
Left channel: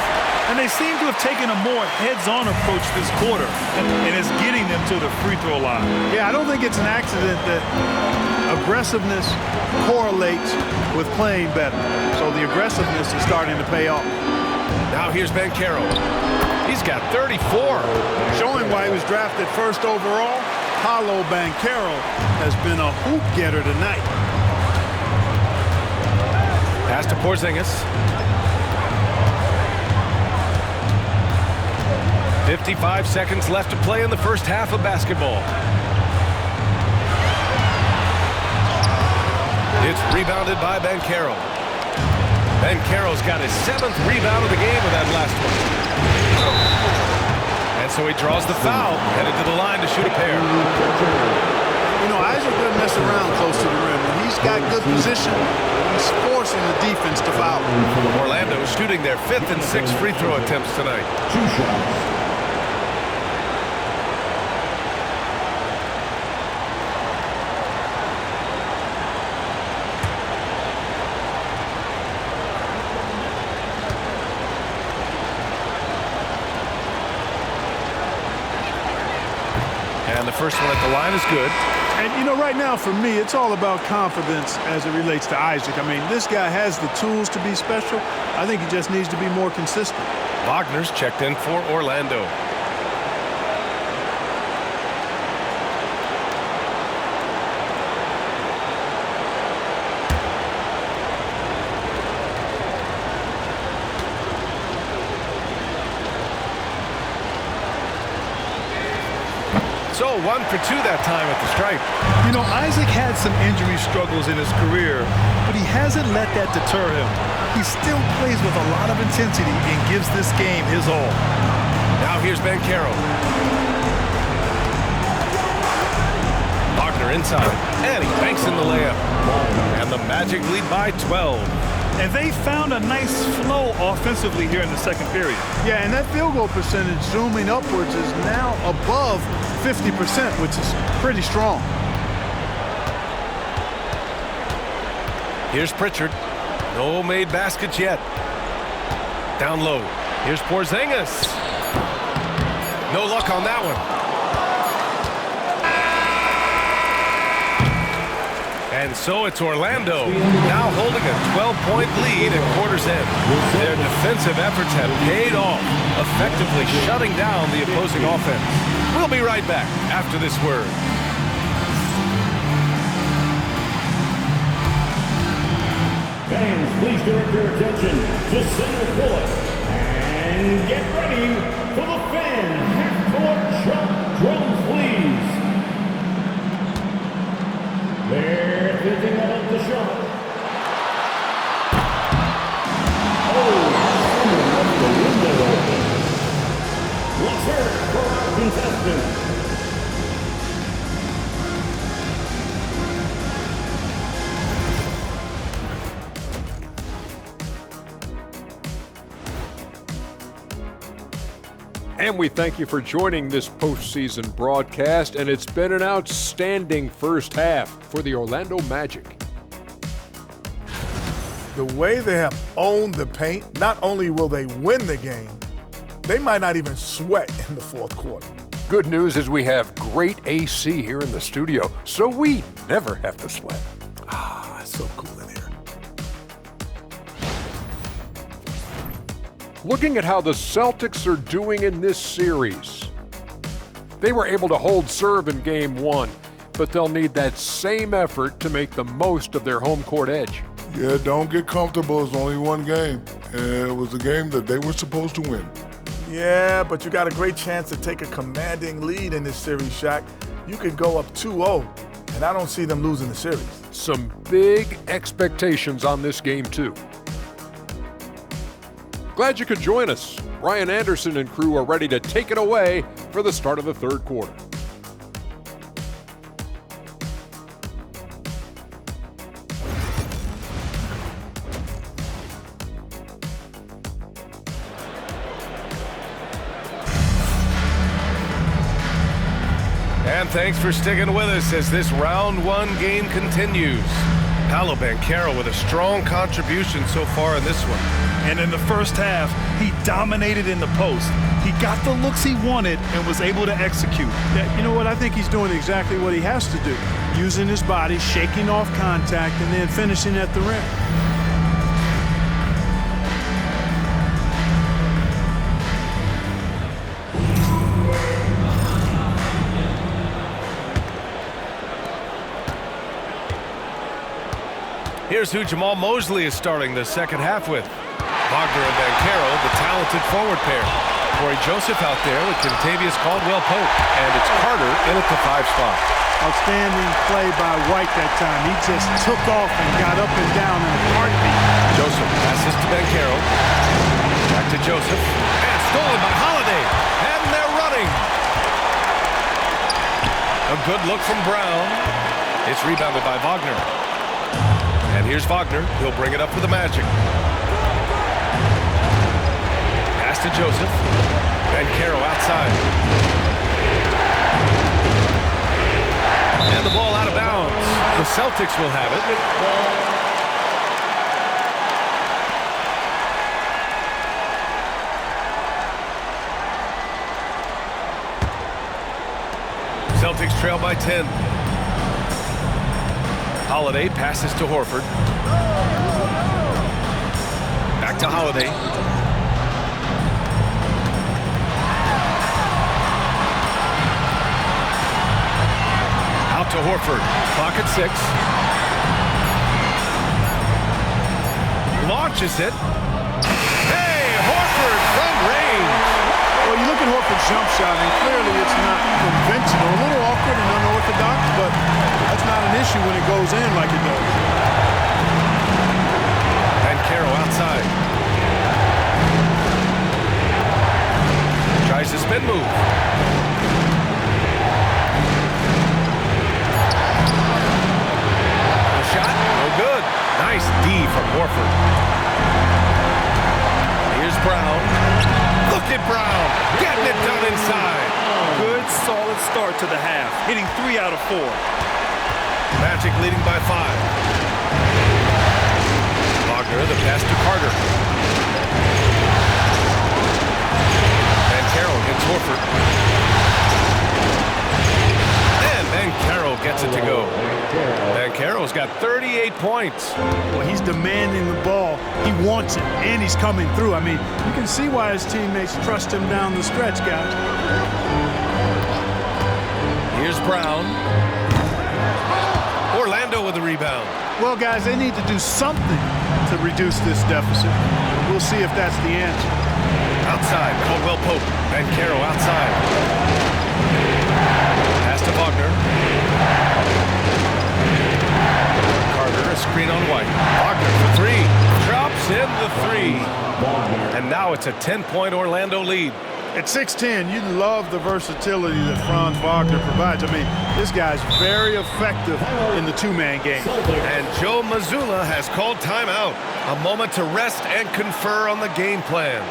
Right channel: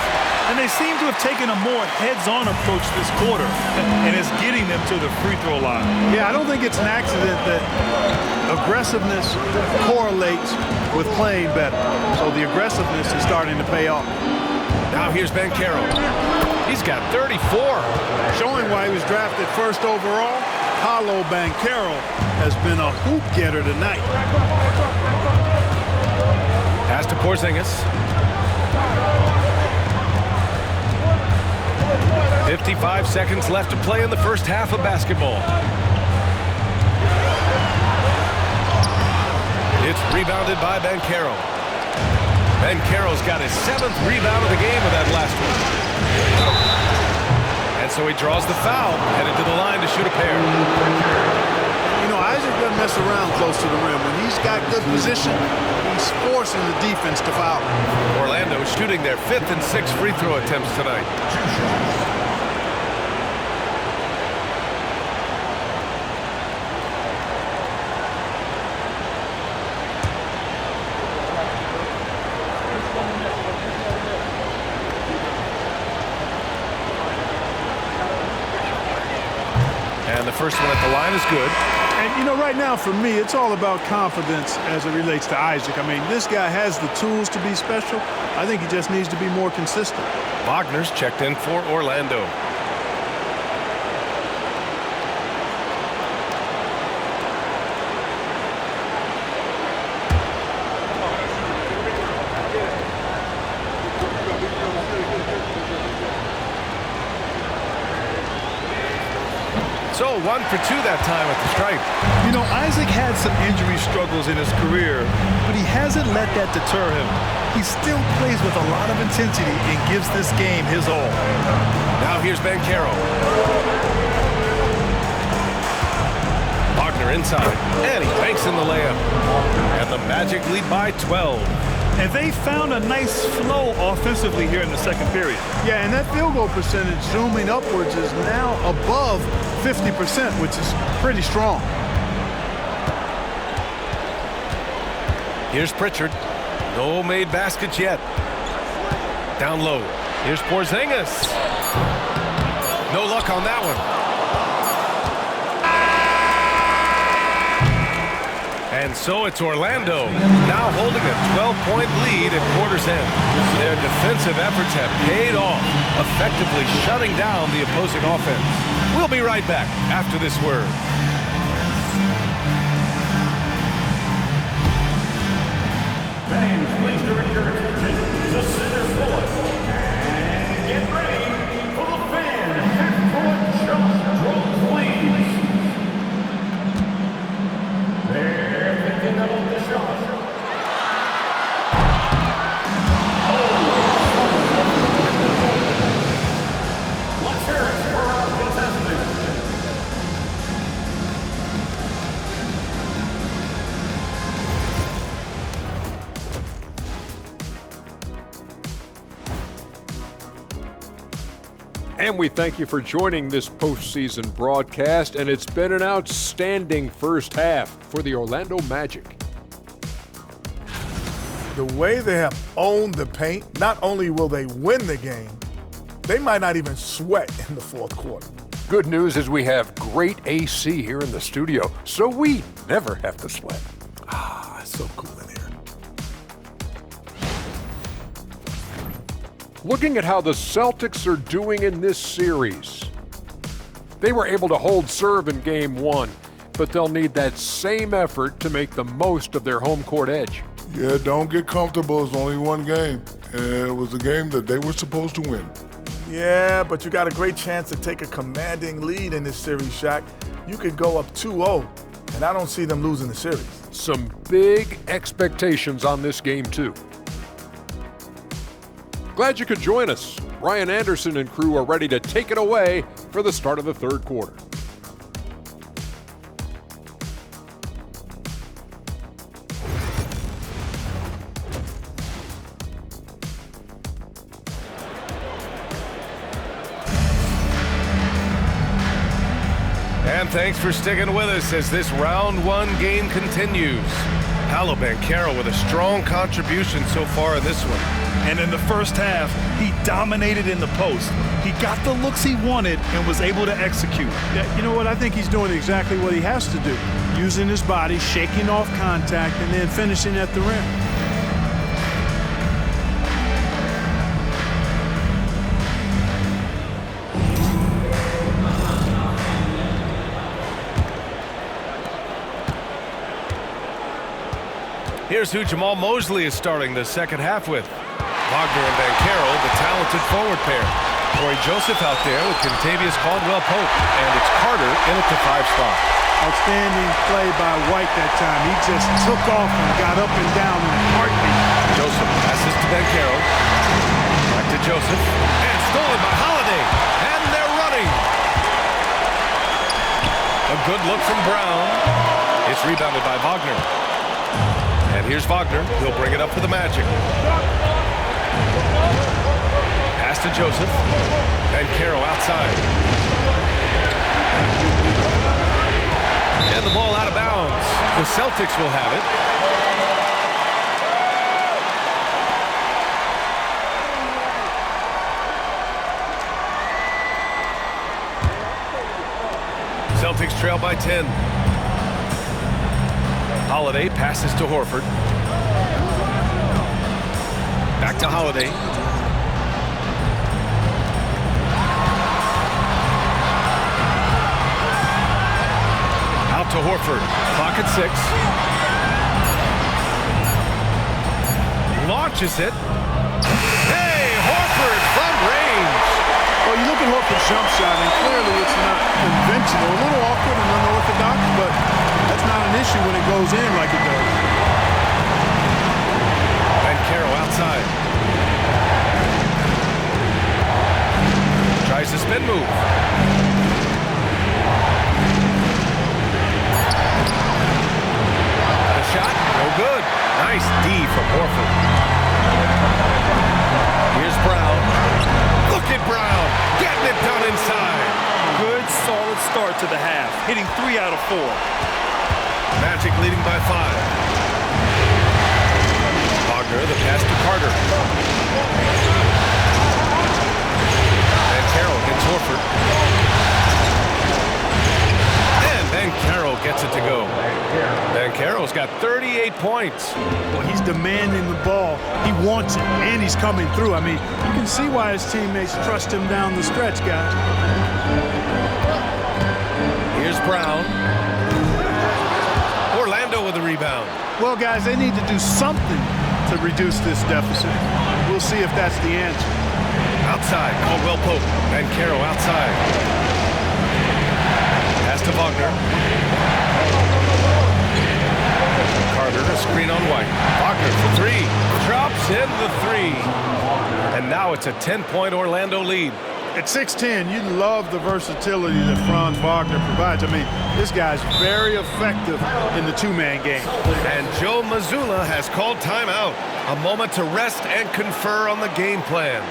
And they seem to have taken a more heads-on approach this quarter, and it's getting them to the free throw line. Yeah, I don't think it's an accident that aggressiveness correlates with playing better. So the aggressiveness is starting to pay off. Now here's Banchero. He's got 34. Showing why he was drafted first overall, Paolo Banchero has been a hoop getter tonight. Pass to Porzingis. 55 seconds left to play in the first half of basketball. It's rebounded by Banchero. Banchero's got his 7th rebound of the game with that last one. And so he draws the foul, headed to the line to shoot a pair. You know, Isaac doesn't mess around close to the rim. When he's got good position, he's forcing the defense to foul. Orlando shooting their 5th and 6th free throw attempts tonight. 2 shots. And the first one at the line is good. And, you know, right now for me, it's all about confidence as it relates to Isaac. I mean, this guy has the tools to be special. I think he just needs to be more consistent. Wagner's checked in for Orlando. So 1 for 2 that time at the stripe. You know, Isaac had some injury struggles in his career, but he hasn't let that deter him. He still plays with a lot of intensity and gives this game his all. Now here's Banchero. Wagner inside, and he banks in the layup. And the Magic lead by 12. And they found a nice flow offensively here in the second period. Yeah, and that field goal percentage zooming upwards is now above 50%, which is pretty strong. Here's Pritchard. No made baskets yet. Down low. Here's Porzingis. No luck on that one. And so it's Orlando now holding a 12-point lead at quarter's end. Their defensive efforts have paid off, effectively shutting down the opposing offense. We'll be right back after this word. Fans, please direct your attention to center court and get ready for the fan half-court shot drums, please. They're picking up the shot. Let's hear it for our contestants. And we thank you for joining this postseason broadcast, and it's been an outstanding first half for the Orlando Magic. The way they have owned the paint, not only will they win the game, they might not even sweat in the fourth quarter. Good news is we have great AC here in the studio, so we never have to sweat. Ah, it's so cool in here. Looking at how the Celtics are doing in this series. They were able to hold serve in Game 1, but they'll need that same effort to make the most of their home court edge. Yeah, don't get comfortable. It's only one game. And it was a game that they were supposed to win. Yeah, but you got a great chance to take a commanding lead in this series, Shaq. You could go up 2-0, and I don't see them losing the series. Some big expectations on this game, too. Glad you could join us. Brian Anderson and crew are ready to take it away for the start of the third quarter. And thanks for sticking with us as this round one game continues. Paolo Banchero with a strong contribution so far in this one. And in the first half, he dominated in the post. He got the looks he wanted and was able to execute. Yeah, you know what? I think he's doing exactly what he has to do. Using his body, shaking off contact, and then finishing at the rim. Here's who Jamal Mosley is starting the second half with. Wagner and Banchero, the talented forward pair. Corey Joseph out there with Kentavious Caldwell-Pope. And it's Carter in at the 5 spot. Outstanding play by White that time. He just took off and got up and down in a heartbeat. Joseph passes to Banchero. Back to Joseph. And stolen by Holiday. And they're running. A good look from Brown. It's rebounded by Wagner. And here's Wagner. He'll bring it up for the Magic. Pass to Joseph. Banchero outside. And the ball out of bounds. The Celtics will have it. Celtics trail by 10. Holiday passes to Horford. Back to Holiday. Out to Horford. Clock at 6. Launches it. Hey, Horford from range. Well, you look at Horford's jump shot, and clearly it's not conventional. A little awkward and unorthodox, but that's not an issue when it goes in like it does. Banchero outside. Tries the spin move. The shot, no good. Nice D from Horford. Here's Brown. Look at Brown, getting it done inside. Good, solid start to the half, hitting 3 out of 4. Magic leading by 5. Wagner, the pass to Carter. Banchero hits Horford. And Banchero gets it to go. Banchero's got 38 points. Well, he's demanding the ball. He wants it, and he's coming through. I mean, you can see why his teammates trust him down the stretch, guys. Here's Brown. Orlando with the rebound. Well, guys, they need to do something to reduce this deficit. We'll see if that's the answer. Outside, Caldwell-Pope. Banchero outside. Pass to Wagner. Carter, a screen on White. Wagner for 3. Drops in the 3. And now it's a 10-point Orlando lead. At 6'10", you love the versatility that Franz Wagner provides. I mean, this guy's very effective in the two-man game. And Joe Mazzulla has called timeout. A moment to rest and confer on the game plan.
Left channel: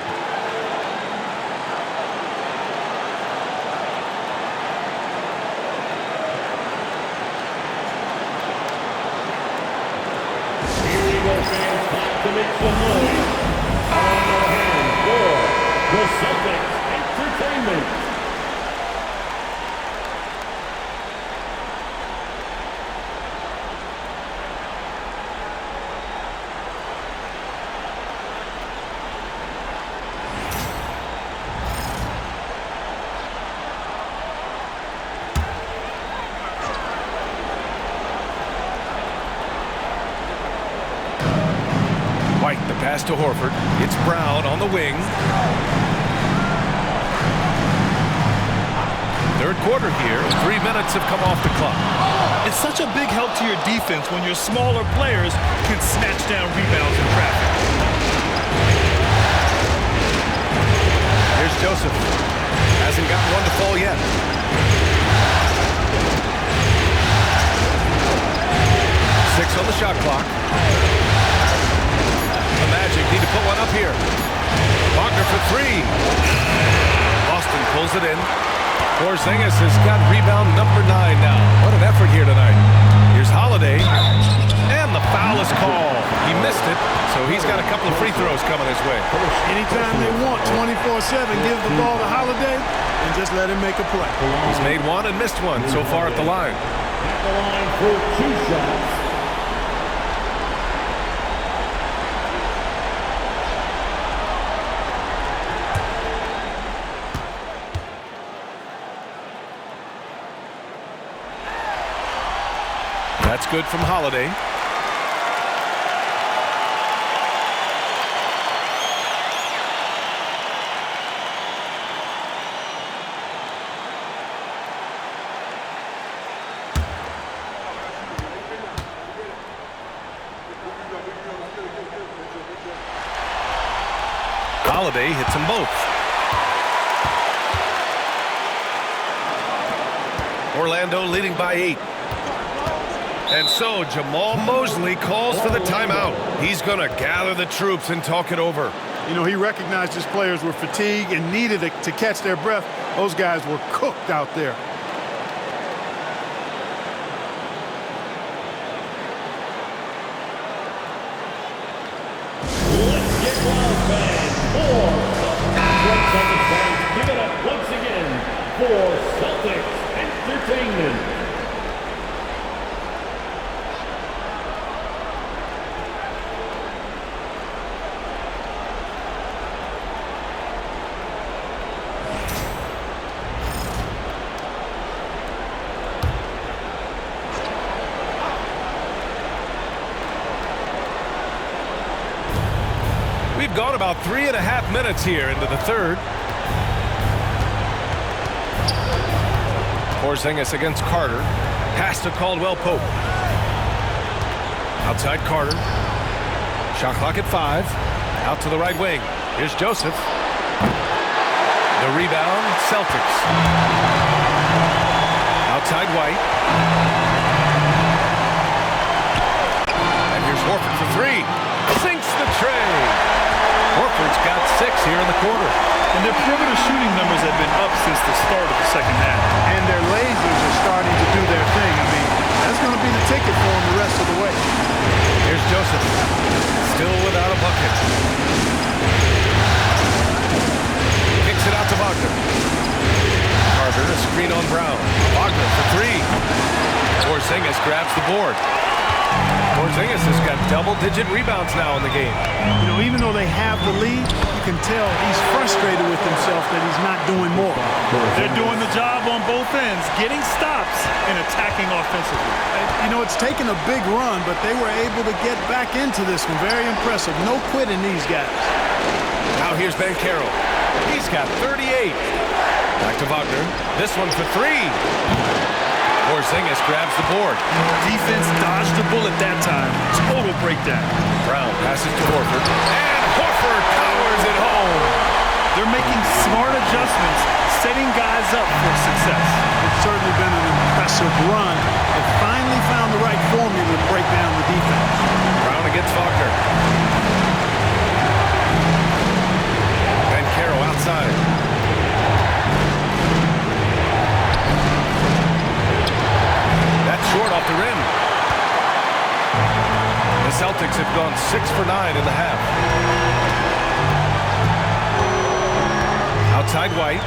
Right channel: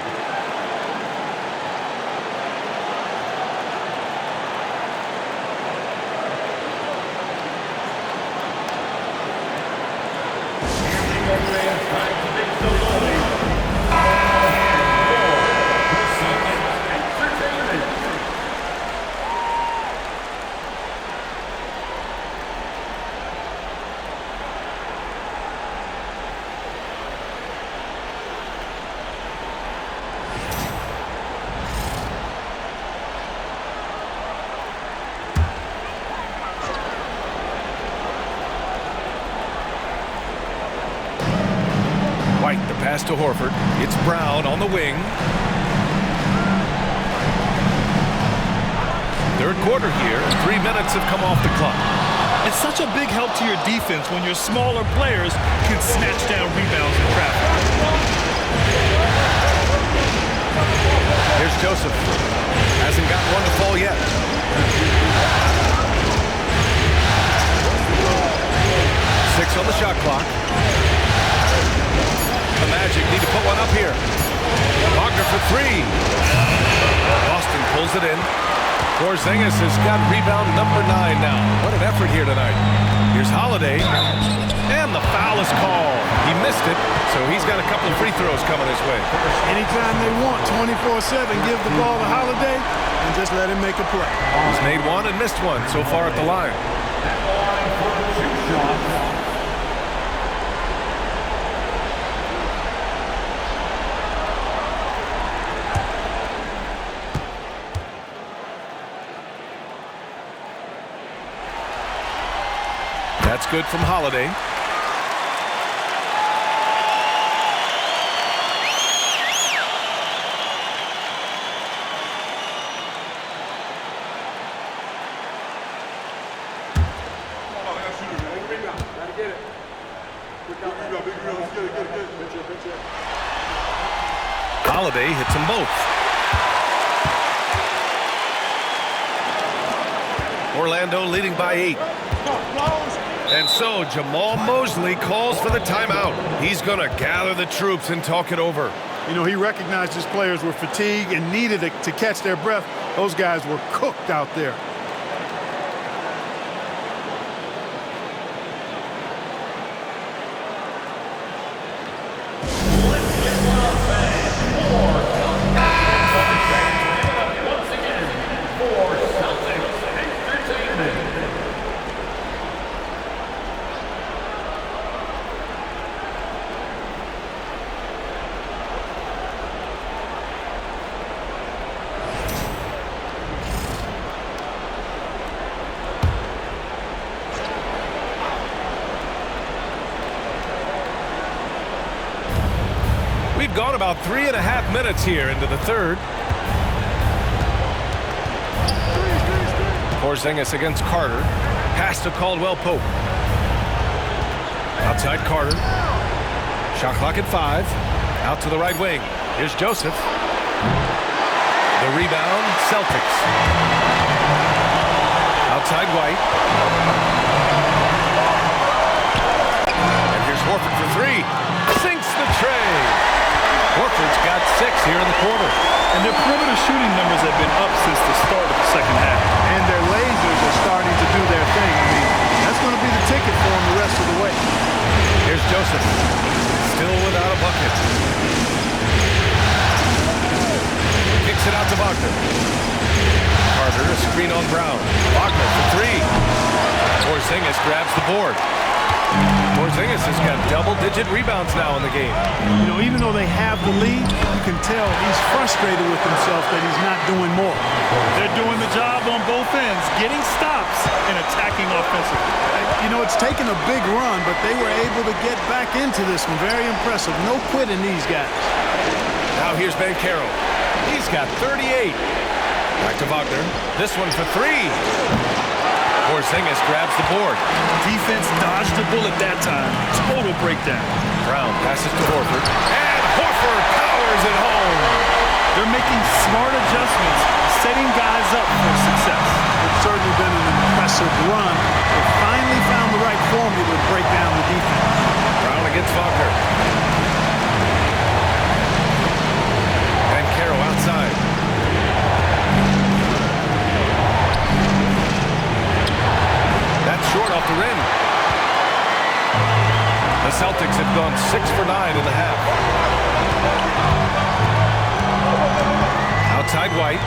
White, the pass to Horford. It's Brown on the wing. Third quarter here. 3 minutes have come off the clock. It's such a big help to your defense when your smaller players can snatch down rebounds in traffic. Here's Joseph. Hasn't gotten one to fall yet. Six on the shot clock. The Magic need to put one up here. Wagner for 3. Boston pulls it in. Porzingis has got rebound number 9 now. What an effort here tonight. Here's Holiday. And the foul is called. He missed it, so he's got a couple of free throws coming his way. Anytime they want 24/7, give the ball to Holiday and just let him make a play. He's made one and missed one so far at the line. At the line for 2 shots. That's good from Holiday. Holiday hits them both. Orlando leading by 8. And so Jamal Mosley calls for the timeout. He's going to gather the troops and talk it over. You know, he recognized his players were fatigued and needed to catch their breath. Those guys were cooked out there. Let's get one back for Celtics fans. Give it up once again for Celtics Entertainment. We've gone about 3.5 minutes here into the third. Porzingis against Carter. Pass to Caldwell Pope. Outside Carter. Shot clock at 5. Out to the right wing. Here's Joseph. The rebound, Celtics. Outside White. And here's Horford for 3. Sinks the tray. Horford's got 6 here in the quarter. And their perimeter shooting numbers have been up since the start of the second half. And their lasers are starting to do their thing. I mean, that's going to be the ticket for them the rest of the way. Here's Joseph. Still without a bucket. Kicks it out to Wagner. Carter, a screen on Brown. Wagner for 3. Porzingis grabs the board. Porzingis has got double-digit rebounds now in the game. You know, even though they have the lead, you can tell he's frustrated with himself that he's not doing more. They're doing the job on both ends, getting stops and attacking offensively. You know, it's taken a big run, but they were able to get back into this one. Very impressive. No quitting these guys. Now here's Banchero. He's got 38. Back to Wagner. This one for 3. Porzingis grabs the board. Defense dodged the bullet that time. Total breakdown. Brown passes to Horford. And Horford powers it home. They're making smart adjustments, setting guys up for success. It's certainly been an impressive run. They finally found the right formula to break down the defense. Brown against Wagner. Banchero outside. That's short off the rim. The Celtics have gone 6 for 9 in the half. Outside White.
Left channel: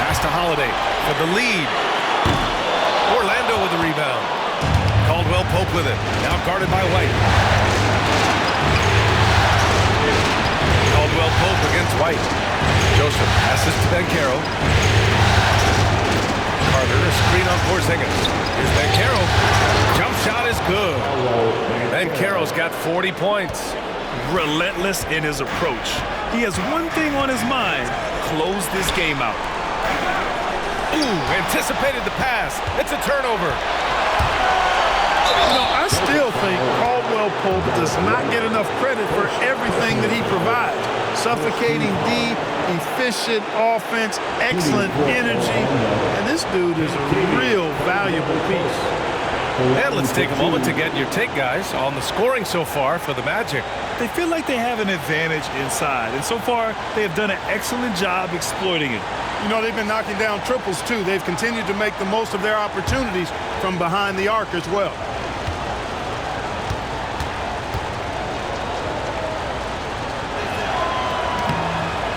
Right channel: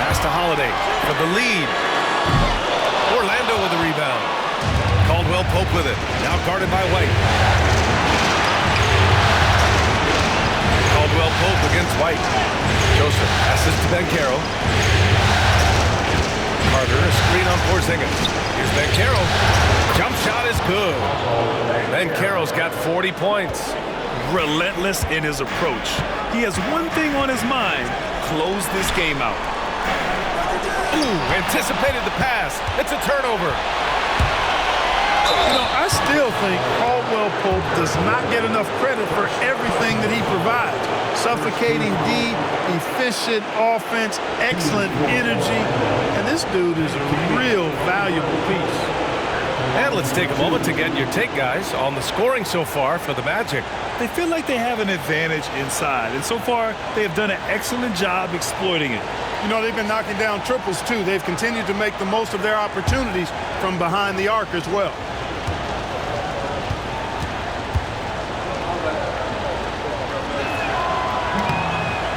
Pass to Holiday for the lead. Orlando with the rebound. Caldwell Pope with it. Now guarded by White. Caldwell Pope against White. Joseph passes to Banchero. Carter, a screen on Porzingis. Here's Banchero. Jump shot is good. Banchero's got 40 points. Relentless in his approach. He has one thing on his mind: close this game out. Ooh, anticipated the pass. It's a turnover. You know, I still think Caldwell Pope does not get enough credit for everything that he provides. Suffocating D, efficient offense, excellent energy. And this dude is a real valuable piece. And let's take a moment to get your take, guys, on the scoring so far for the Magic. They feel like they have an advantage inside, and so far they have done an excellent job exploiting it. You know, they've been knocking down triples, too. They've continued to make the most of their opportunities from behind the arc as well.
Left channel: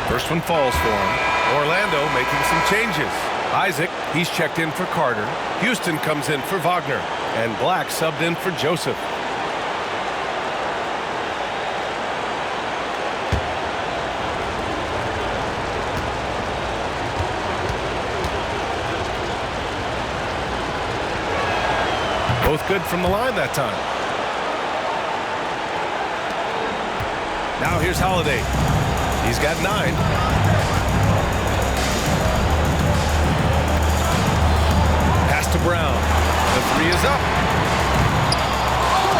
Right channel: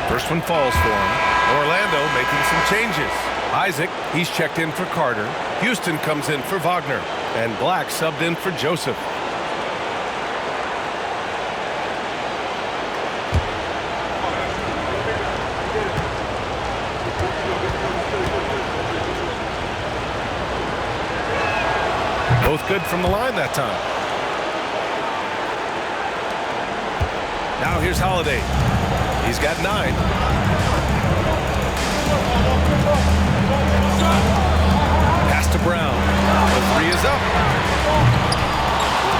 First one falls for him. Orlando making some changes. Isaac, he's checked in for Carter. Houston comes in for Wagner. And Black subbed in for Joseph. Both good from the line that time. Now here's Holiday. He's got 9. Pass to Brown. The 3 is up.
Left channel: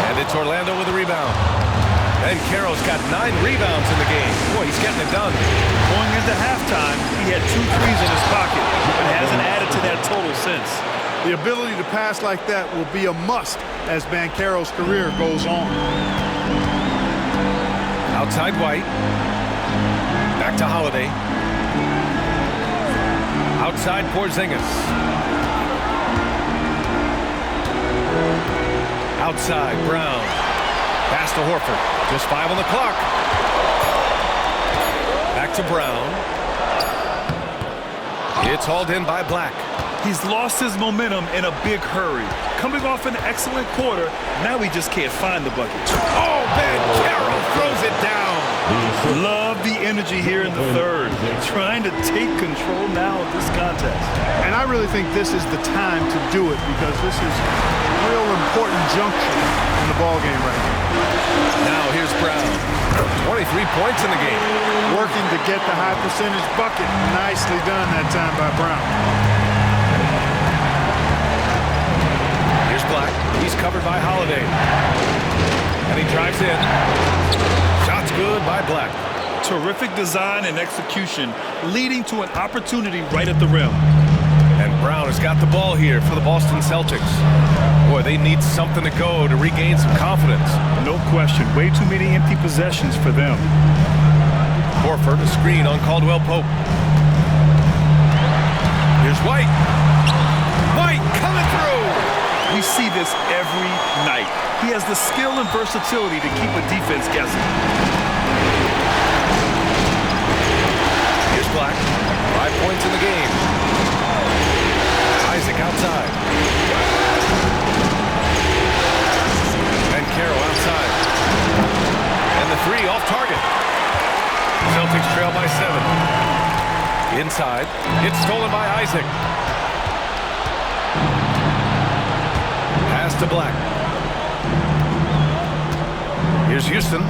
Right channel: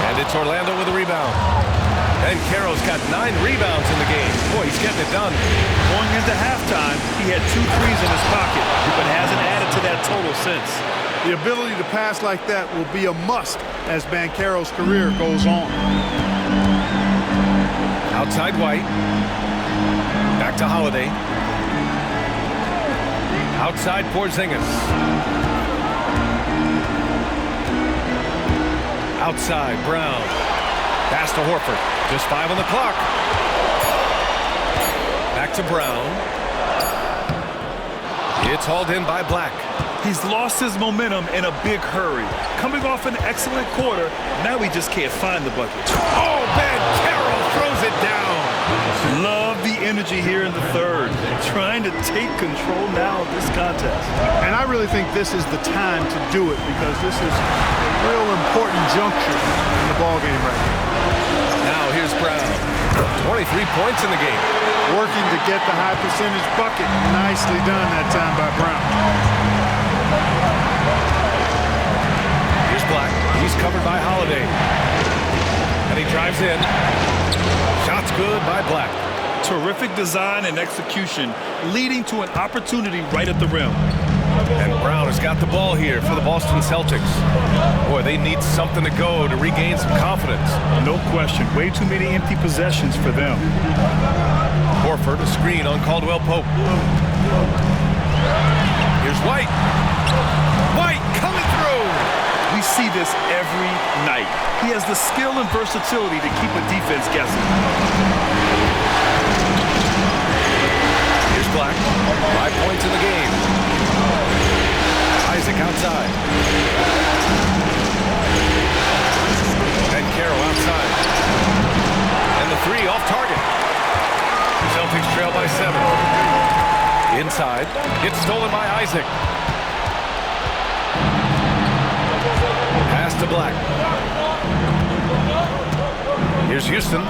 And it's Orlando with a rebound. And Carroll's got 9 rebounds in the game. Boy, he's getting it done. Going into halftime, he had 2 threes in his pocket, but hasn't added to that total since. The ability to pass like that will be a must as Banchero's career goes on. Outside White. Back to Holiday. Outside Porzingis. Outside Brown. Pass to Horford. Just 5 on the clock. Back to Brown. It's hauled in by Black. He's lost his momentum in a big hurry. Coming off an excellent quarter, now he just can't find the bucket. Oh, Banchero throws it down. Love the energy here in the third. Trying to take control now of this contest. And I really think this is the time to do it because this is a real important juncture in the ballgame right here. Now here's Brown. 23 points in the game. Working to get the high percentage bucket. Nicely done that time by Brown. Here's Black. He's covered by Holiday. And he drives in. Shot's good by Black. Terrific design and execution, leading to an opportunity right at the rim. And Brown has got the ball here for the Boston Celtics. Boy, they need something to go to regain some confidence. No question. Way too many empty possessions for them. Horford, a screen on Caldwell Pope. Here's White. White coming through. We see this every night. He has the skill and versatility to keep a defense guessing. Here's Black. 5 points in the game. Isaac outside. And Carroll outside. And the 3 off target. Celtics trail by 7. Inside. It's stolen by Isaac. Pass to Black. Here's Houston.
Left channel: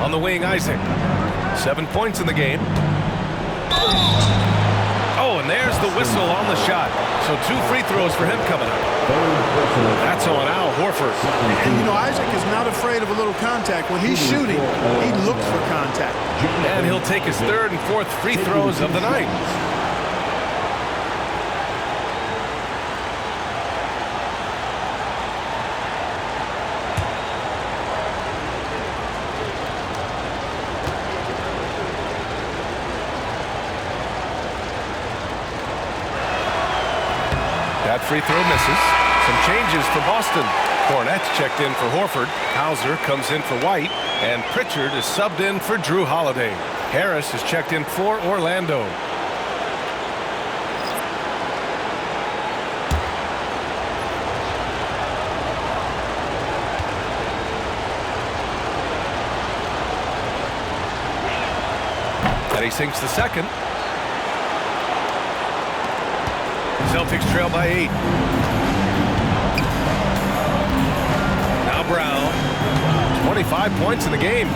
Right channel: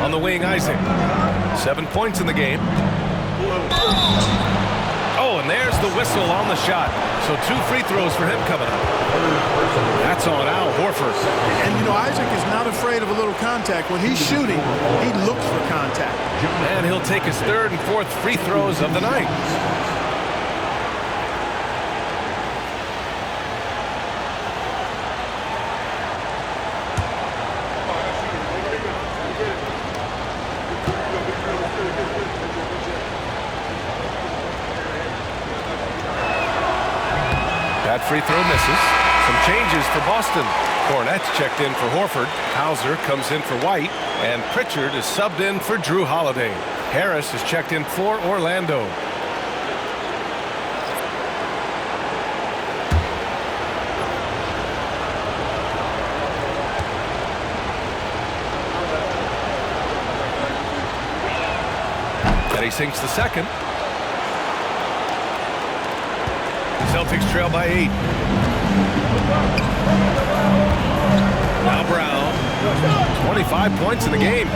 On the wing, Isaac. 7 points in the game. Oh, and there's the whistle on the shot. So 2 free throws for him coming up. That's on Al Horford. And, you know, Isaac is not afraid of a little contact. When he's shooting, he looks for contact. And he'll take his 3rd and 4th free throws of the night. That free throw misses. Some changes for Boston. Cornette's checked in for Horford. Hauser comes in for White. And Pritchard is subbed in for Drew Holiday. Harris is checked in for Orlando. And he sinks the second. Celtics trail by 8. Now Brown. 25 points in the game.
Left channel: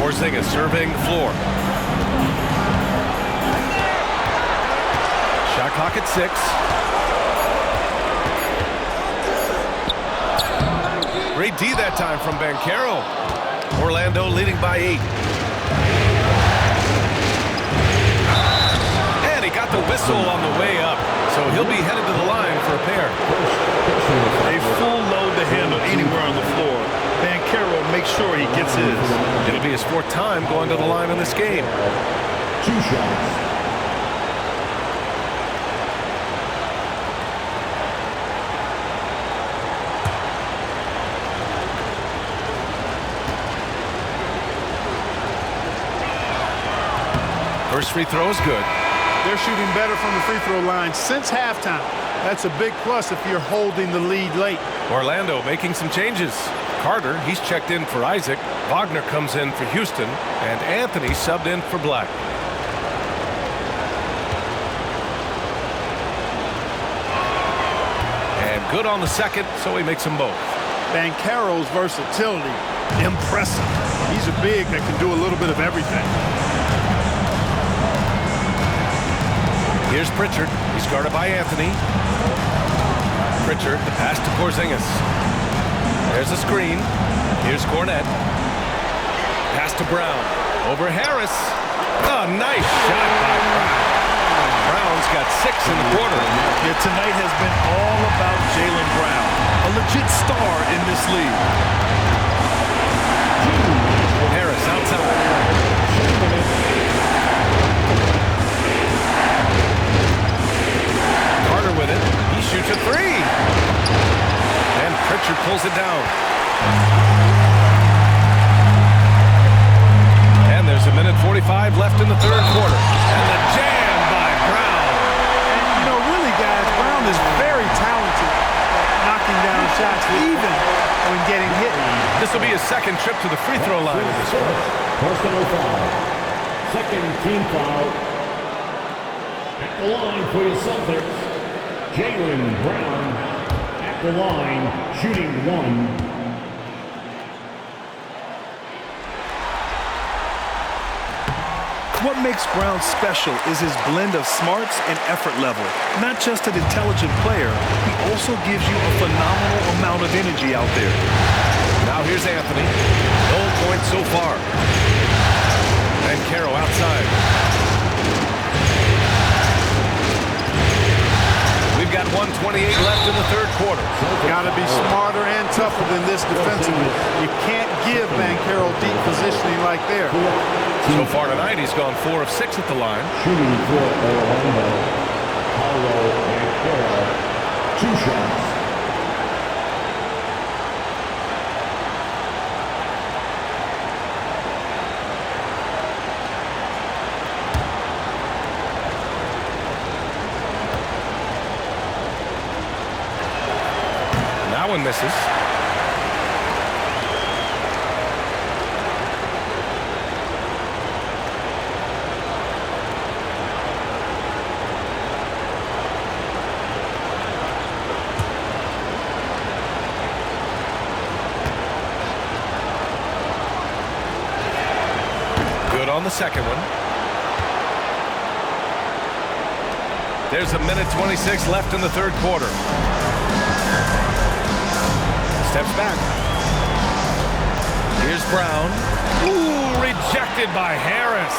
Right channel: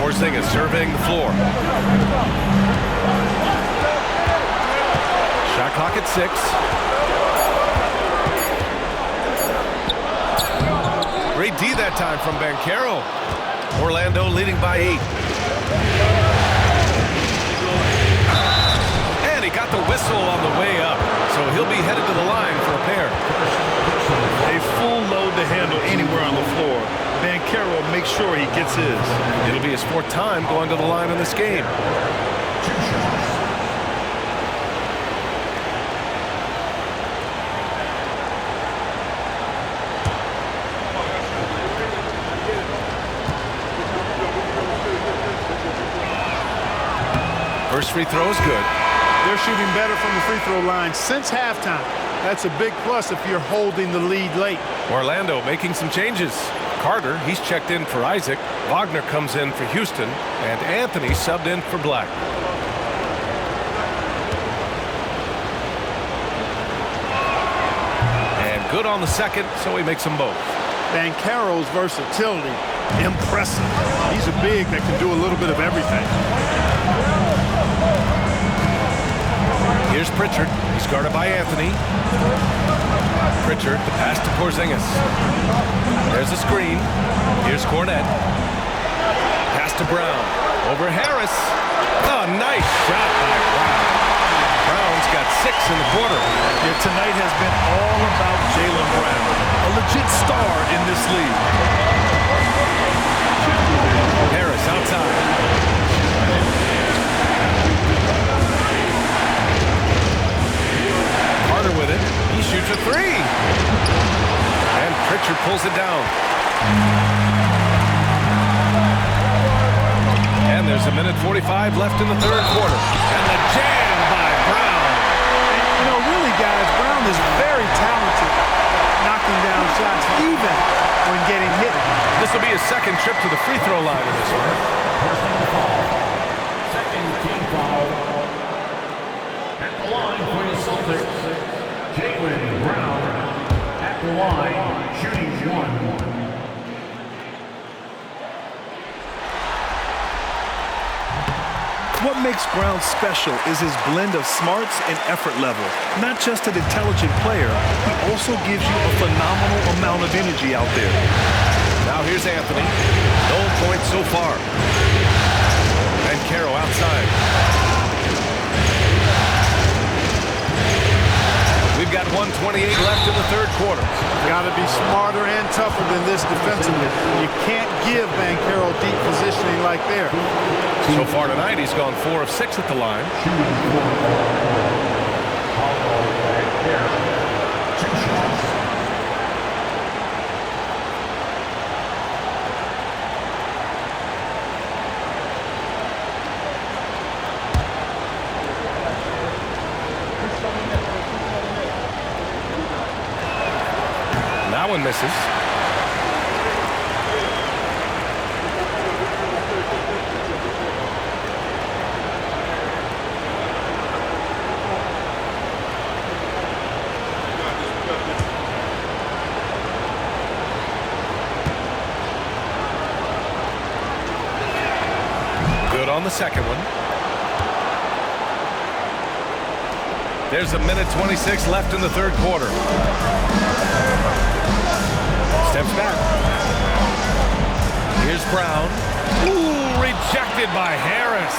Porzingis surveying the floor. Shot clock at 6. Great D that time from Banchero. Orlando leading by 8. whistle on the way up, so he'll be headed to the line for a pair. A full load to handle anywhere on the floor. Banchero makes sure he gets his. It'll be his 4th time going to the line in this game. 2 shots. First free throw is good. They're shooting better from the free throw line since halftime. That's a big plus if you're holding the lead late. Orlando making some changes. Carter, he's checked in for Isaac. Wagner comes in for Houston. And Anthony subbed in for Black. And good on the second, so he makes them both. Banchero's versatility, impressive. He's a big that can do a little bit of everything. Here's Pritchard. He's guarded by Anthony. Pritchard, the pass to Porzingis. There's a screen. Here's Cornette. Pass to Brown. Over Harris. Oh, nice shot by Brown. Brown's got 6 in the quarter. Yeah, tonight has been all about Jaylen Brown, a legit star in this league. Harris outside. Carter with it. He shoots a 3. And Pritchard pulls it down. And there's a minute 45 left in the 3rd quarter. And the jam by Brown. And, you know, really, guys, Brown is very talented at knocking down shots, even when getting hit. This will be his 2nd trip to the free throw line in this one. Personal foul. 2nd team foul. At the line for your Celtics, Jaylen Brown at the line, shooting 1. What makes Brown special is his blend of smarts and effort level. Not just an intelligent player, he also gives you a phenomenal amount of energy out there. Now here's Anthony. No points so far. Banchero outside. We've got 1:28 left in the 3rd quarter. Got to be smarter and tougher than this defensively. You can't give Banchero deep positioning like there. So far tonight, he's gone 4 of 6 at the line. Shooting for Orlando, Paulo Banchero. 2 shots. That one misses. Good on the second one. There's a minute 26 left in the 3rd quarter. Steps back. Here's Brown. Ooh, rejected by Harris.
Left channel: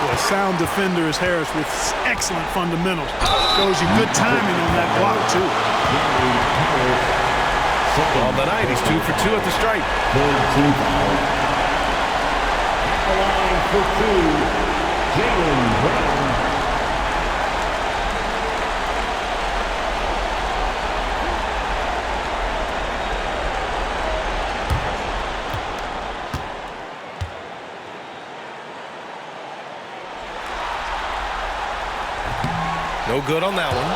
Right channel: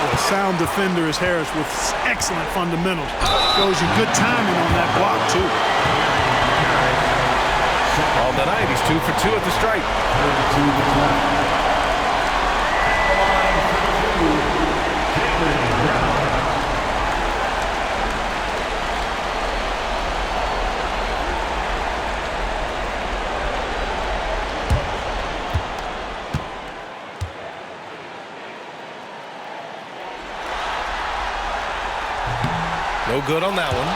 Well, a sound defender is Harris with excellent fundamentals. Shows you good timing on that block, too. On the night, he's 2 for 2 at the stripe. The line for 2, Jaylen Brown. No good on that one.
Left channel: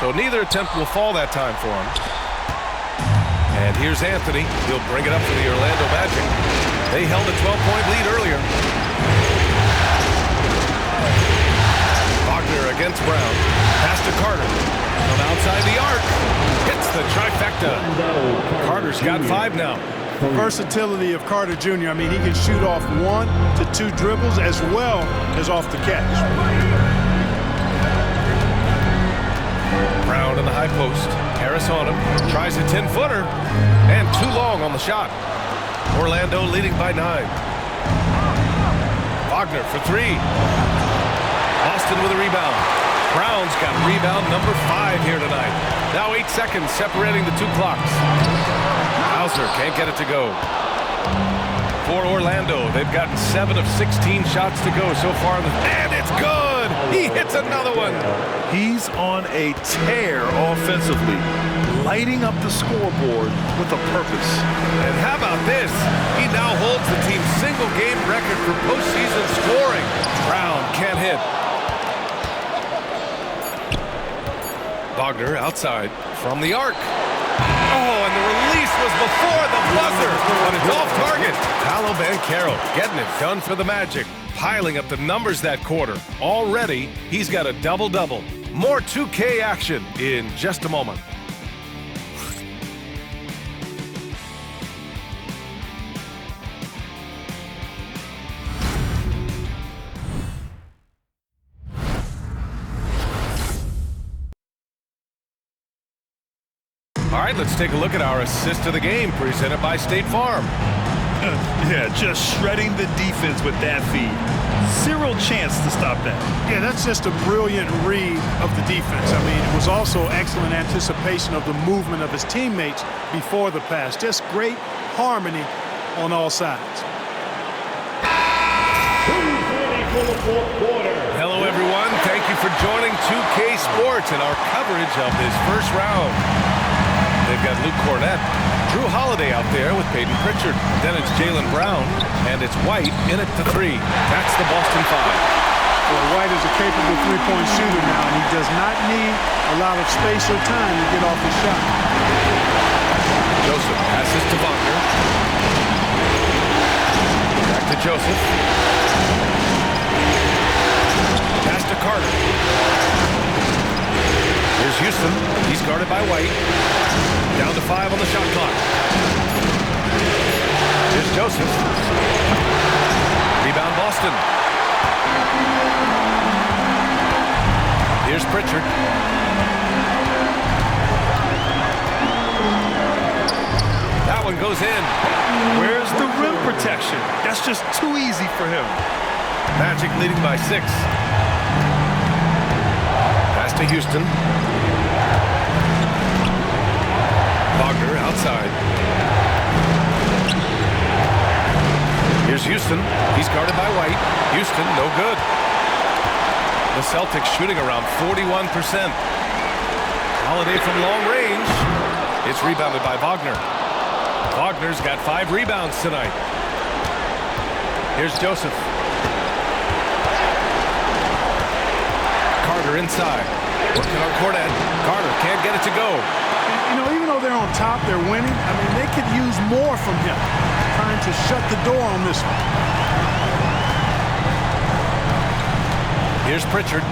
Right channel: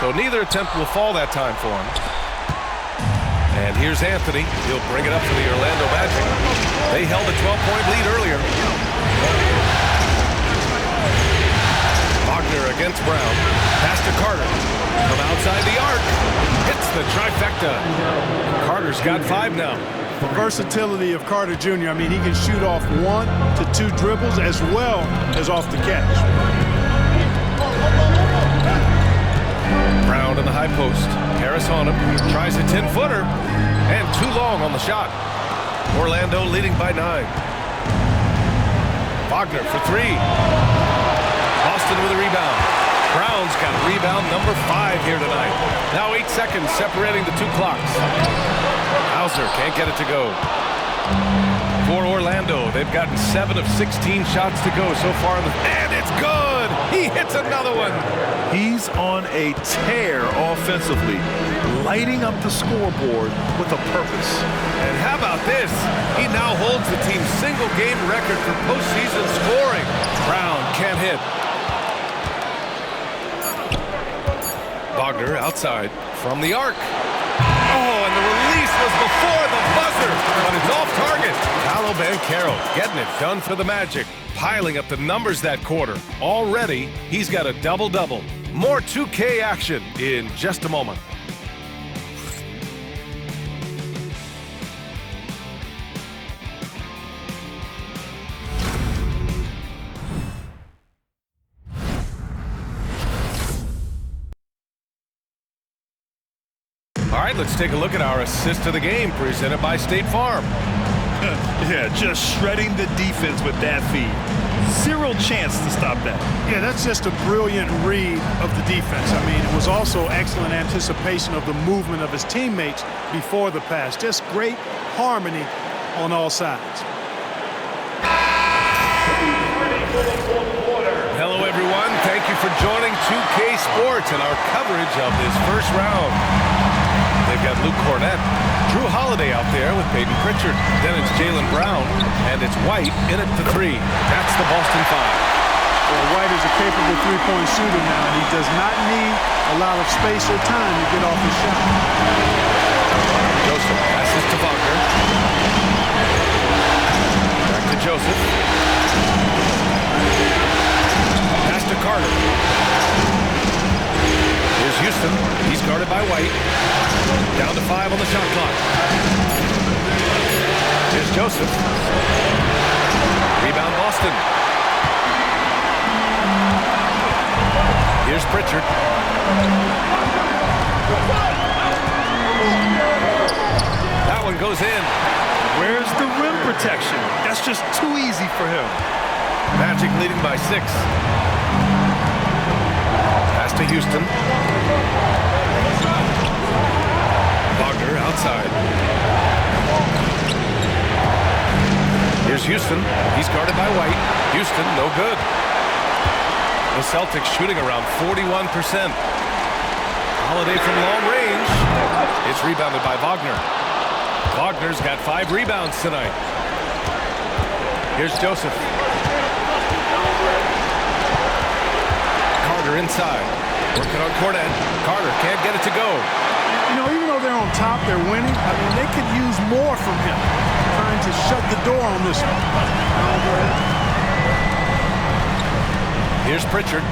So neither attempt will fall that time for him. And here's Anthony. He'll bring it up for the Orlando Magic. They held a 12-point lead earlier. Wagner against Brown. Pass to Carter. From outside the arc. Hits the trifecta. Carter's got 5 now. The versatility of Carter Jr., I mean, he can shoot off 1 to 2 dribbles as well as off the catch. Brown in the high post. Harris on him. Tries a 10-footer. And too long on the shot. Orlando leading by 9. Wagner for 3. Boston with a rebound. Brown's got rebound number 5 here tonight. Now 8 seconds separating the 2 clocks. Hauser can't get it to go. For Orlando, they've gotten 7 of 16 shots to go so far. And it's good! He hits another one! He's on a tear offensively, lighting up the scoreboard with a purpose. And how about this? He now holds the team's single-game record for postseason scoring. Brown can't hit. Wagner outside from the arc. Oh, and the release was before the buzzer, but it's off target. Paolo Banchero getting it done for the Magic, piling up the numbers that quarter. Already, he's got a double-double. More 2K action in just a moment. All right, let's take a look at our assist of the game presented by State Farm. Yeah, just shredding the defense with that feed. Zero chance to stop that. Yeah, that's just a brilliant read of the defense. I mean, it was also excellent anticipation of the movement of his teammates before the pass. Just great harmony on all sides. Hello, everyone. Thank you for joining 2K Sports and our coverage of this first round. They've got Luke Cornett, Drew Holiday out there with Peyton Pritchard. Then it's Jaylen Brown, and it's White in it to 3. That's the Boston 5. Well, White is a capable three-point shooter now, and he does not need a lot of space or time to get off his shot. Joseph passes to Wagner. Back to Joseph. Pass to Carter. Here's Houston. He's guarded by White. Down to 5 on the shot clock. Here's Joseph. Rebound Boston. Here's Pritchard. That one goes in. Where's the rim protection? That's just too easy for him. Magic leading by 6. Pass to Houston. Wagner outside. Here's Houston. He's guarded by White. Houston, no good. The Celtics shooting around 41%. Holiday from long range. It's rebounded by Wagner. Wagner's got 5 rebounds tonight. Here's Joseph. Carter inside. Working on Cornett. Carter can't get it to go. You know, even though they're on top, they're winning. I mean, they could use more from him. Trying to shut the door on this one. Here's Pritchard.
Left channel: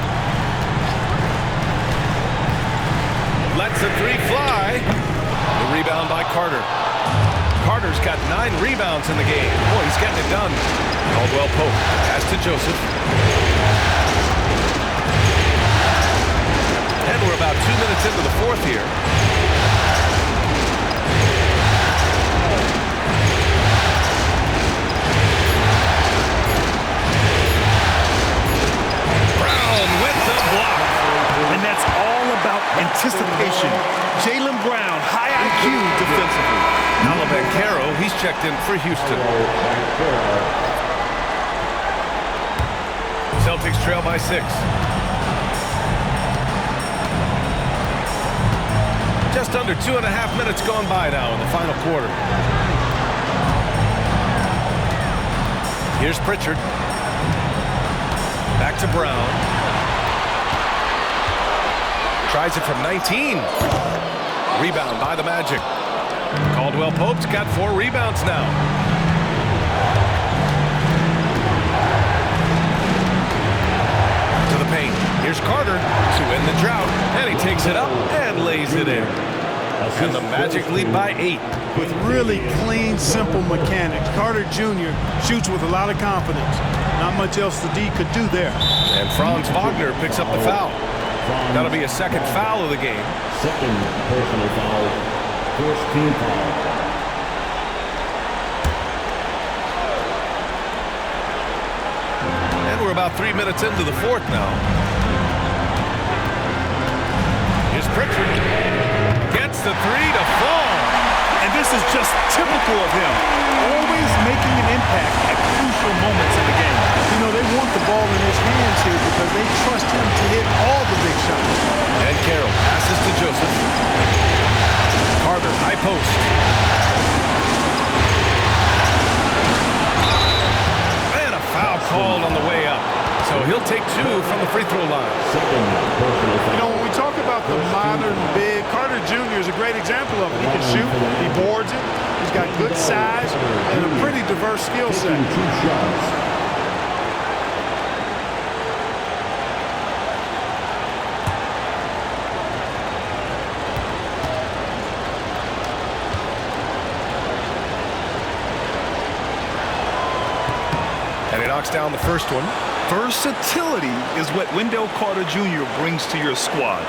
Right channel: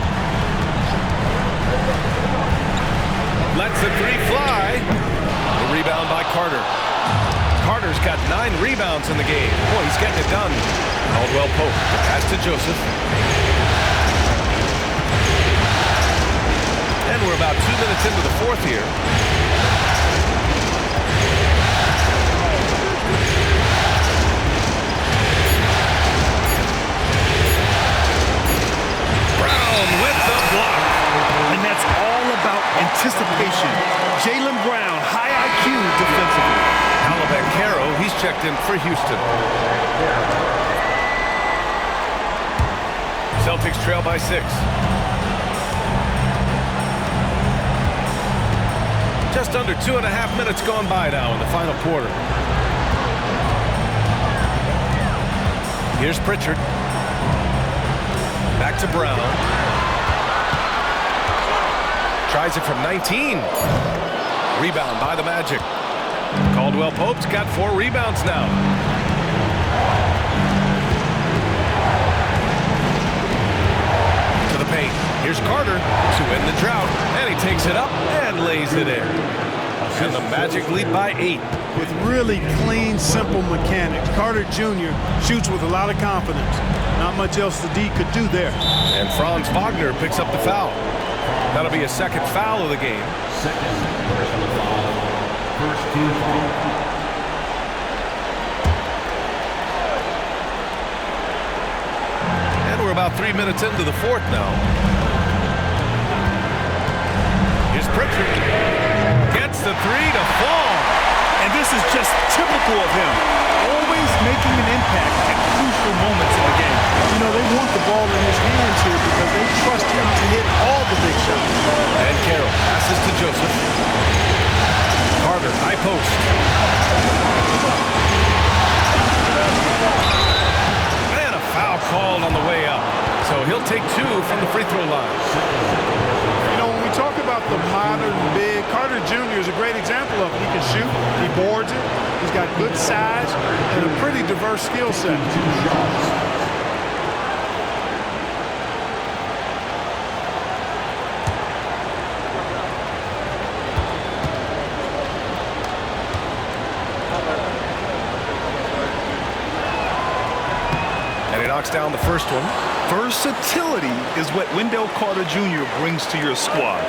Lets the 3 fly. The rebound by Carter. Carter's got 9 rebounds in the game. Boy, he's getting it done. Caldwell Pope. Pass to Joseph. And we're about 2 minutes into the 4th here. With the block. And that's all about anticipation. Jaylen Brown, high IQ defensively. Paolo Banchero, he's checked in for Houston. Celtics trail by 6. Just under 2.5 minutes gone by now in the final quarter. Here's Pritchard. Back to Brown. Tries it from 19. Rebound by the Magic. Caldwell Pope's got 4 rebounds now. To the paint. Here's Carter to end the drought. And he takes it up and lays it in. And the Magic lead by 8. With really clean, simple mechanics. Carter Jr. shoots with a lot of confidence. Not much else the D could do there. And Franz Wagner picks up the foul. That'll be a second foul of the game. Second personal foul. First team foul. And we're about 3 minutes into the fourth now. Here's Pritchard. Gets the three to fall. And this is just typical of him. Always making an impact at crucial moments in the game. You know, they want the ball in his hands here because they trust him to hit all the big shots. And Carroll passes to Joseph. Carter, high post. And a foul called on the way up. So he'll take 2 from the free throw line. You know, when we talk about the modern big, Carter Jr. is a great example of it. He can shoot, he boards it, he's got good size, and a pretty diverse skill set. 2 shots. And he knocks down the first one. Versatility is what Wendell Carter Jr. brings to your squad.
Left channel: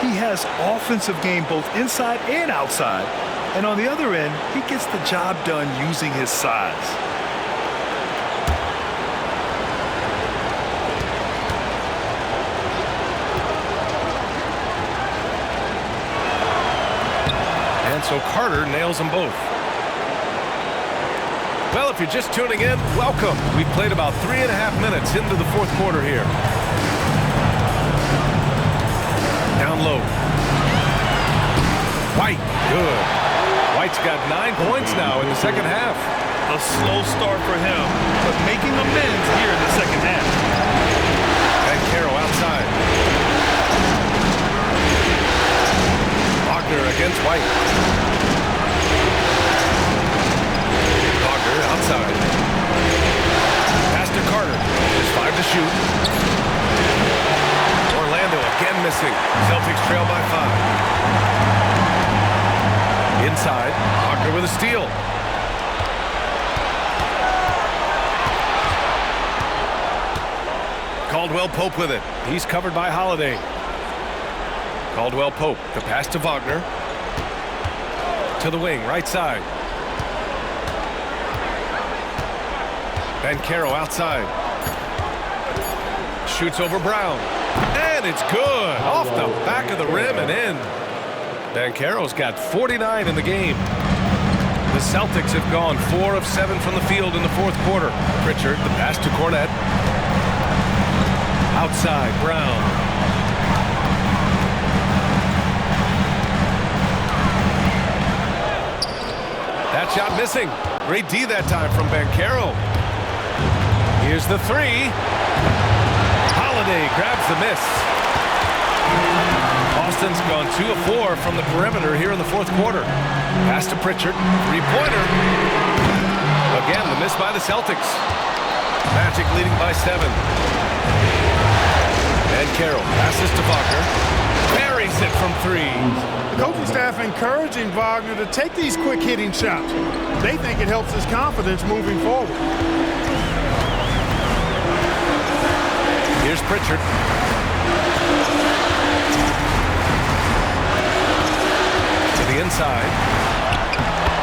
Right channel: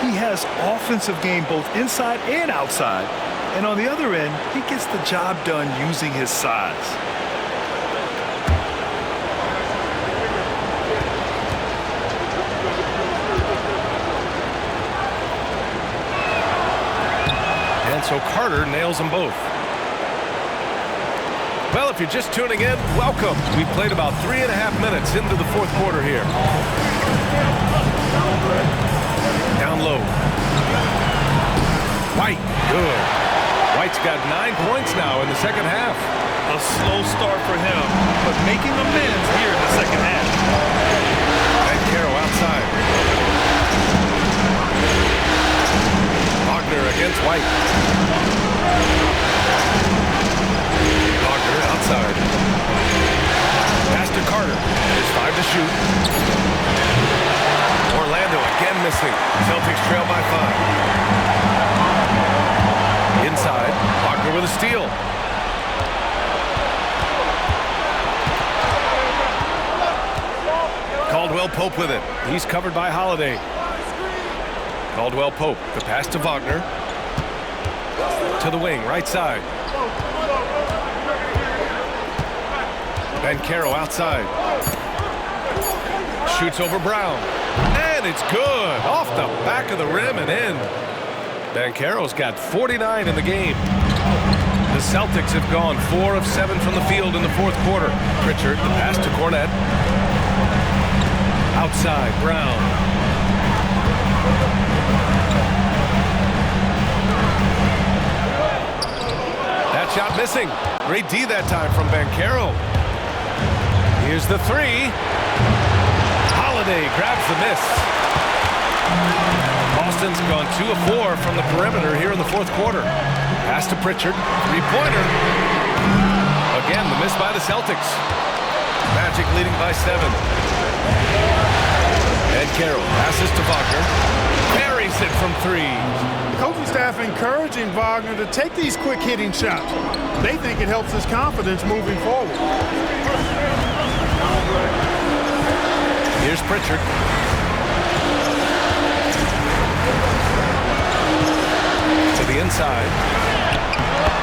He has offensive game both inside and outside. And on the other end, he gets the job done using his size. And so Carter nails them both. Well, if you're just tuning in, welcome. We've played about 3.5 minutes into the fourth quarter here. Down low. White, good. White's got 9 points now in the second half. A slow start for him, but making amends here in the second half. And Carroll outside. Wagner against White. Wagner outside. Pass to Carter. There's 5 to shoot. Orlando again missing. Celtics trail by 5. Inside, Wagner with a steal. Caldwell Pope with it. He's covered by Holiday. Caldwell Pope, the pass to Wagner. To the wing, right side. Banchero outside. Shoots over Brown. And it's good. Off the back of the rim and in. Banchero's got 49 in the game. The Celtics have gone 4 of 7 from the field in the fourth quarter. Pritchard, the pass to Cornette. Outside, Brown. That shot missing. Great D that time from Banchero. Here's the 3. Holiday grabs the miss. Boston's gone 2 of 4 from the perimeter here in the fourth quarter. Pass to Pritchard, 3-pointer. Again, the miss by the Celtics. Magic leading by 7. And Carroll passes to Wagner. Buries it from 3. The coaching staff encouraging Wagner to take these quick hitting shots. They think it helps his confidence moving forward. Here's Pritchard. To the inside.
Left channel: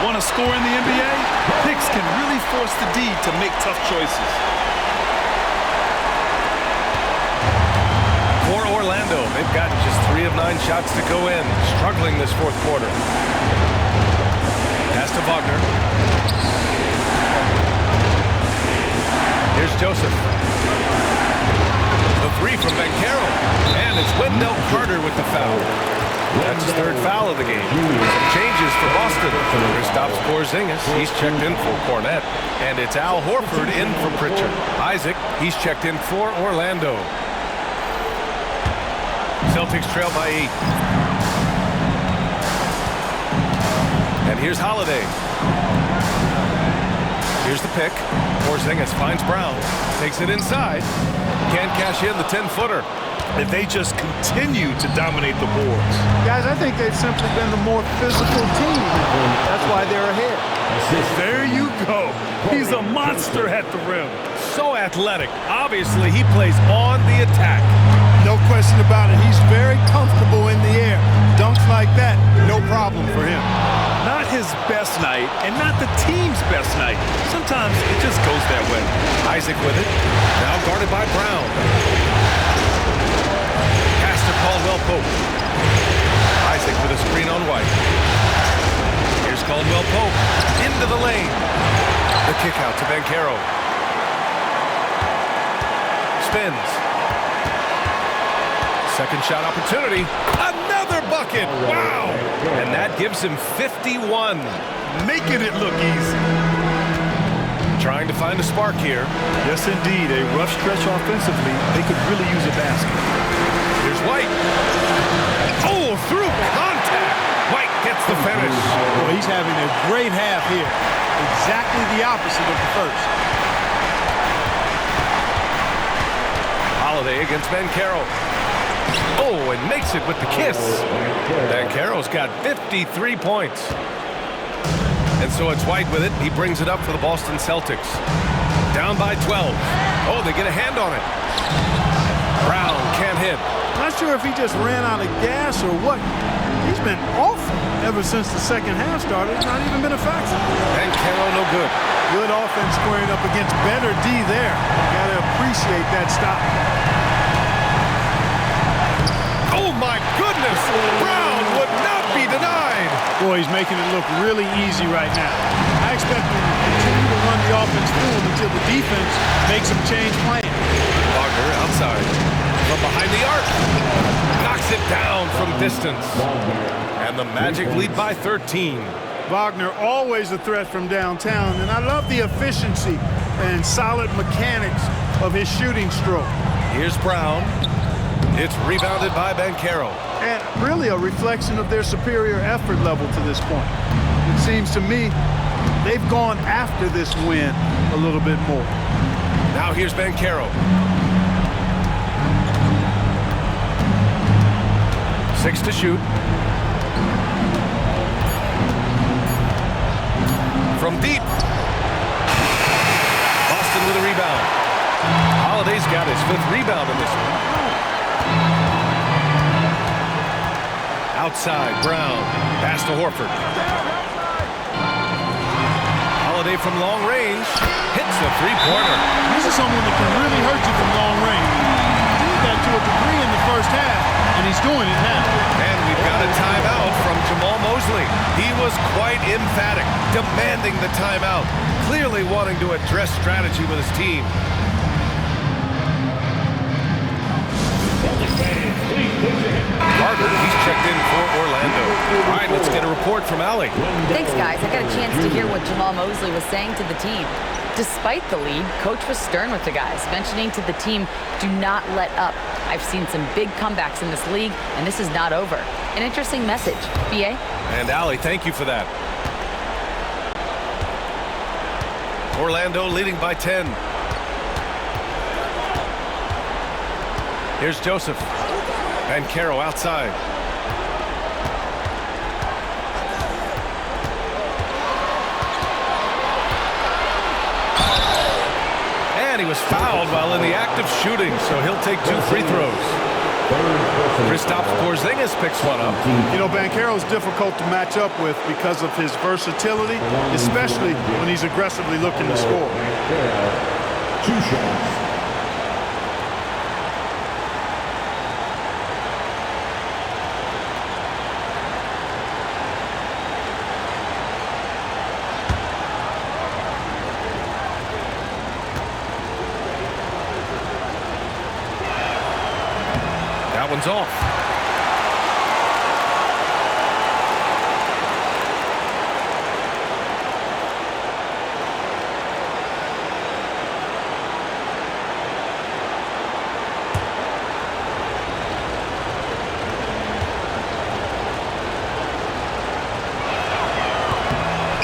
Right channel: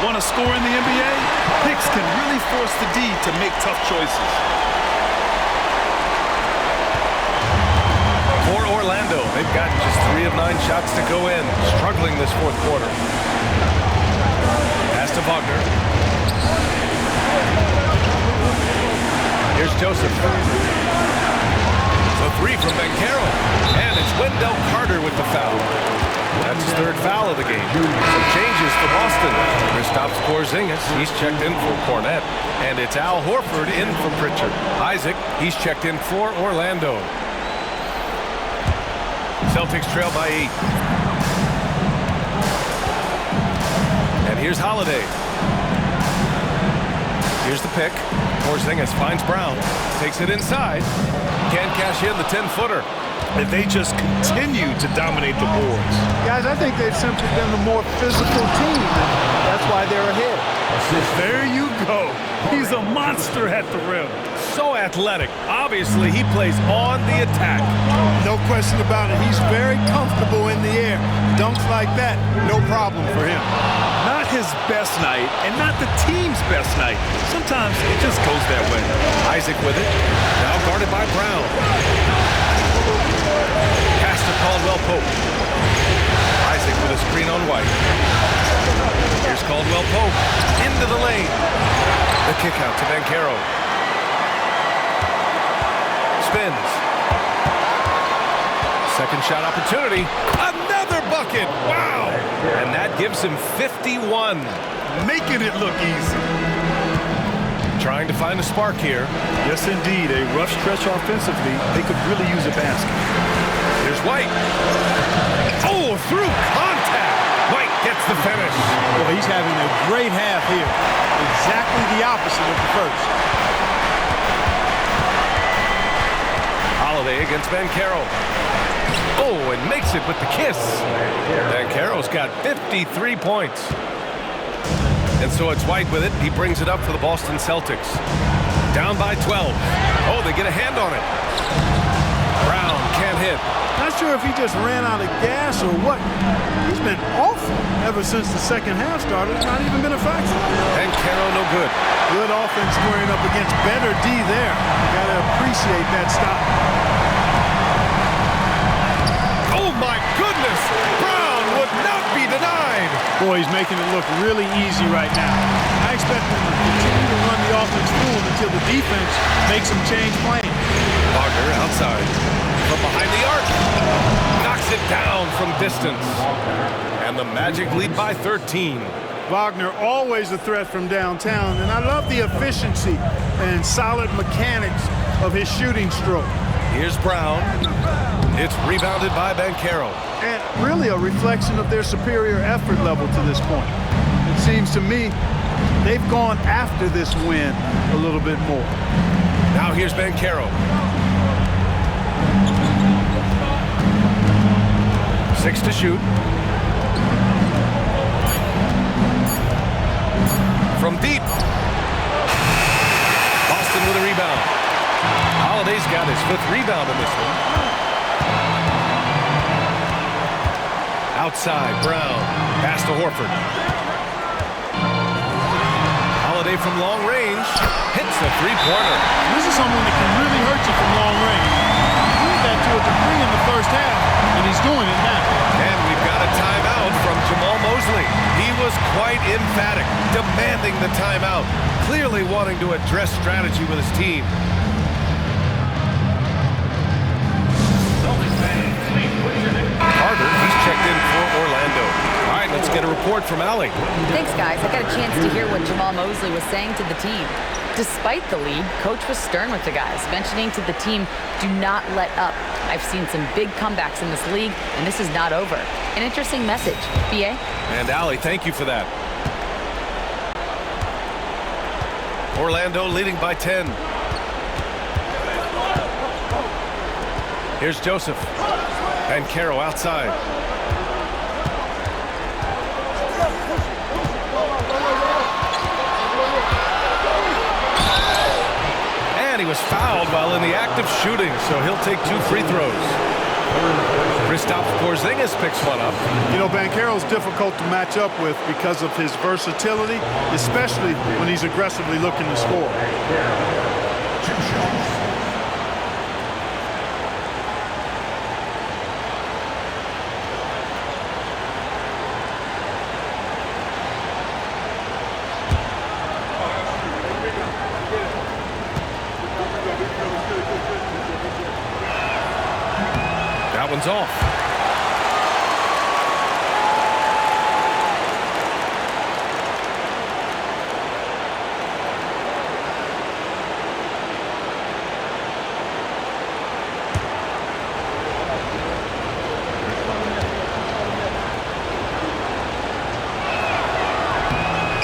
Want to score in the NBA? Picks can really force the D to make tough choices. For Orlando, they've gotten just 3 of 9 shots to go in. Struggling this fourth quarter. Pass to Wagner. Here's Joseph. The 3 from Banchero. And it's Wendell Carter with the foul. That's his 3rd foul of the game. Some changes for Boston. Kristaps Porzingis, he's checked in for Cornette. And it's Al Horford in for Pritchard. Isaac, he's checked in for Orlando. Celtics trail by 8. And here's Holiday. Here's the pick. Porzingis finds Brown. Takes it inside. Can't cash in the 10-footer. And they just continue to dominate the boards. Guys, I think they've simply been the more physical team, and that's why they're ahead. There you go. He's a monster at the rim. So athletic. Obviously, he plays on the attack. No question about it. He's very comfortable in the air. Dunks like that, no problem for him. Not his best night, and not the team's best night. Sometimes it just goes that way. Isaac with it. Now guarded by Brown. Pass to Caldwell Pope. Isaac with a screen on White. Here's Caldwell Pope into the lane. The kick out to Banchero. Spins. Second shot opportunity. Another bucket. Wow. And that gives him 51. Making it look easy. Trying to find a spark here. Yes, indeed. A rough stretch offensively. They could really use a basket. Here's White. Oh, through contact. White gets the finish. Boy, he's having a great half here. Exactly the opposite of the first. Holiday against Banchero. Oh, and makes it with the kiss. Banchero's got 53 points. And so it's White with it. He brings it up for the Boston Celtics. Down by 12. Oh, they get a hand on it. Brown can't hit. Not sure if he just ran out of gas or what. He's been awful ever since the second half started. It's not even been a factor. Banchero no good. Good offense squaring up against better D there. You got to appreciate that stop. Oh, my goodness. Brown would not be denied. Boy, he's making it look really easy right now. I expect him to continue to run the offense through him until the defense makes him change plans. Wagner outside. From behind the arc. Knocks it down from distance. And the Magic lead by 13. Wagner always a threat from downtown, and I love the efficiency and solid mechanics of his shooting stroke. Here's Brown. It's rebounded by Banchero. And really a reflection of their superior effort level to this point. It seems to me they've gone after this win a little bit more. Now here's Banchero. 6 to shoot. From deep. Boston with a rebound. Holiday's got his 5th rebound in this one. Outside, Brown. Pass to Horford. Holiday from long range. Hits a three-pointer. This is someone that can really hurt you from long range. He did that to a degree in the first half, and he's doing it now. And we've got a timeout from Jamal Mosley. He was quite emphatic, demanding the timeout, clearly wanting to address strategy with his team. Carter, he's checked in for Orlando. All right, let's get a report from Allie. Thanks, guys. I got a chance to hear what Jamal Mosley was saying to the team. Despite the lead, Coach was stern with the guys, mentioning to the team, do not let up. I've seen some big comebacks in this league, and this is not over. An interesting message. B.A.? And Allie, thank you for that. Orlando leading by 10. Here's Joseph. And Banchero outside. And he was fouled while in the act of shooting, so he'll take 2 free throws. Kristaps Porzingis picks one up. You know, Banchero's difficult to match up with because of his versatility, especially when he's aggressively looking to score. 2 shots. That one's off.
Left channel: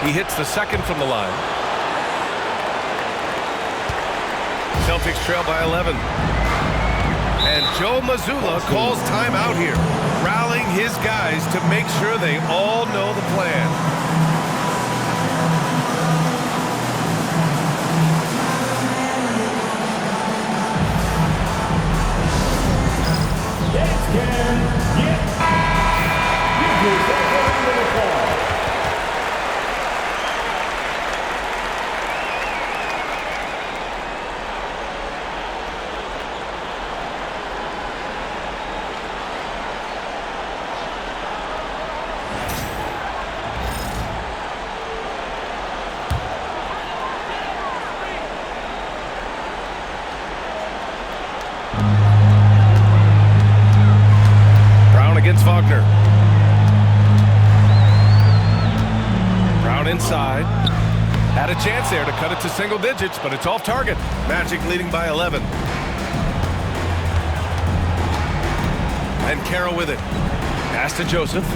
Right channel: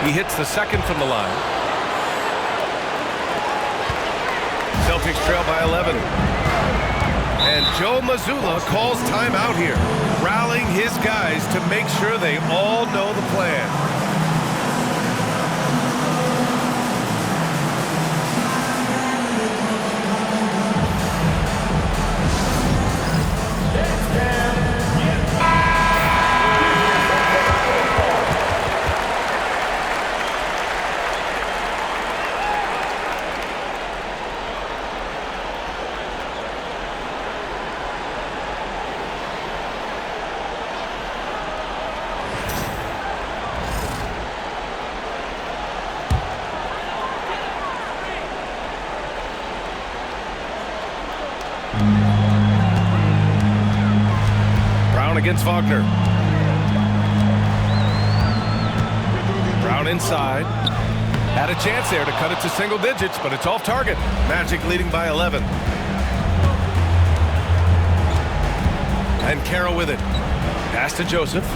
He hits the second from the line. Celtics trail by 11. And Joe Mazzulla calls timeout here, rallying his guys to make sure they all know the plan. Against Wagner. Brown inside. Had a chance there to cut it to single digits, but it's off target. Magic leading by 11. And Carroll with it. Pass to Joseph.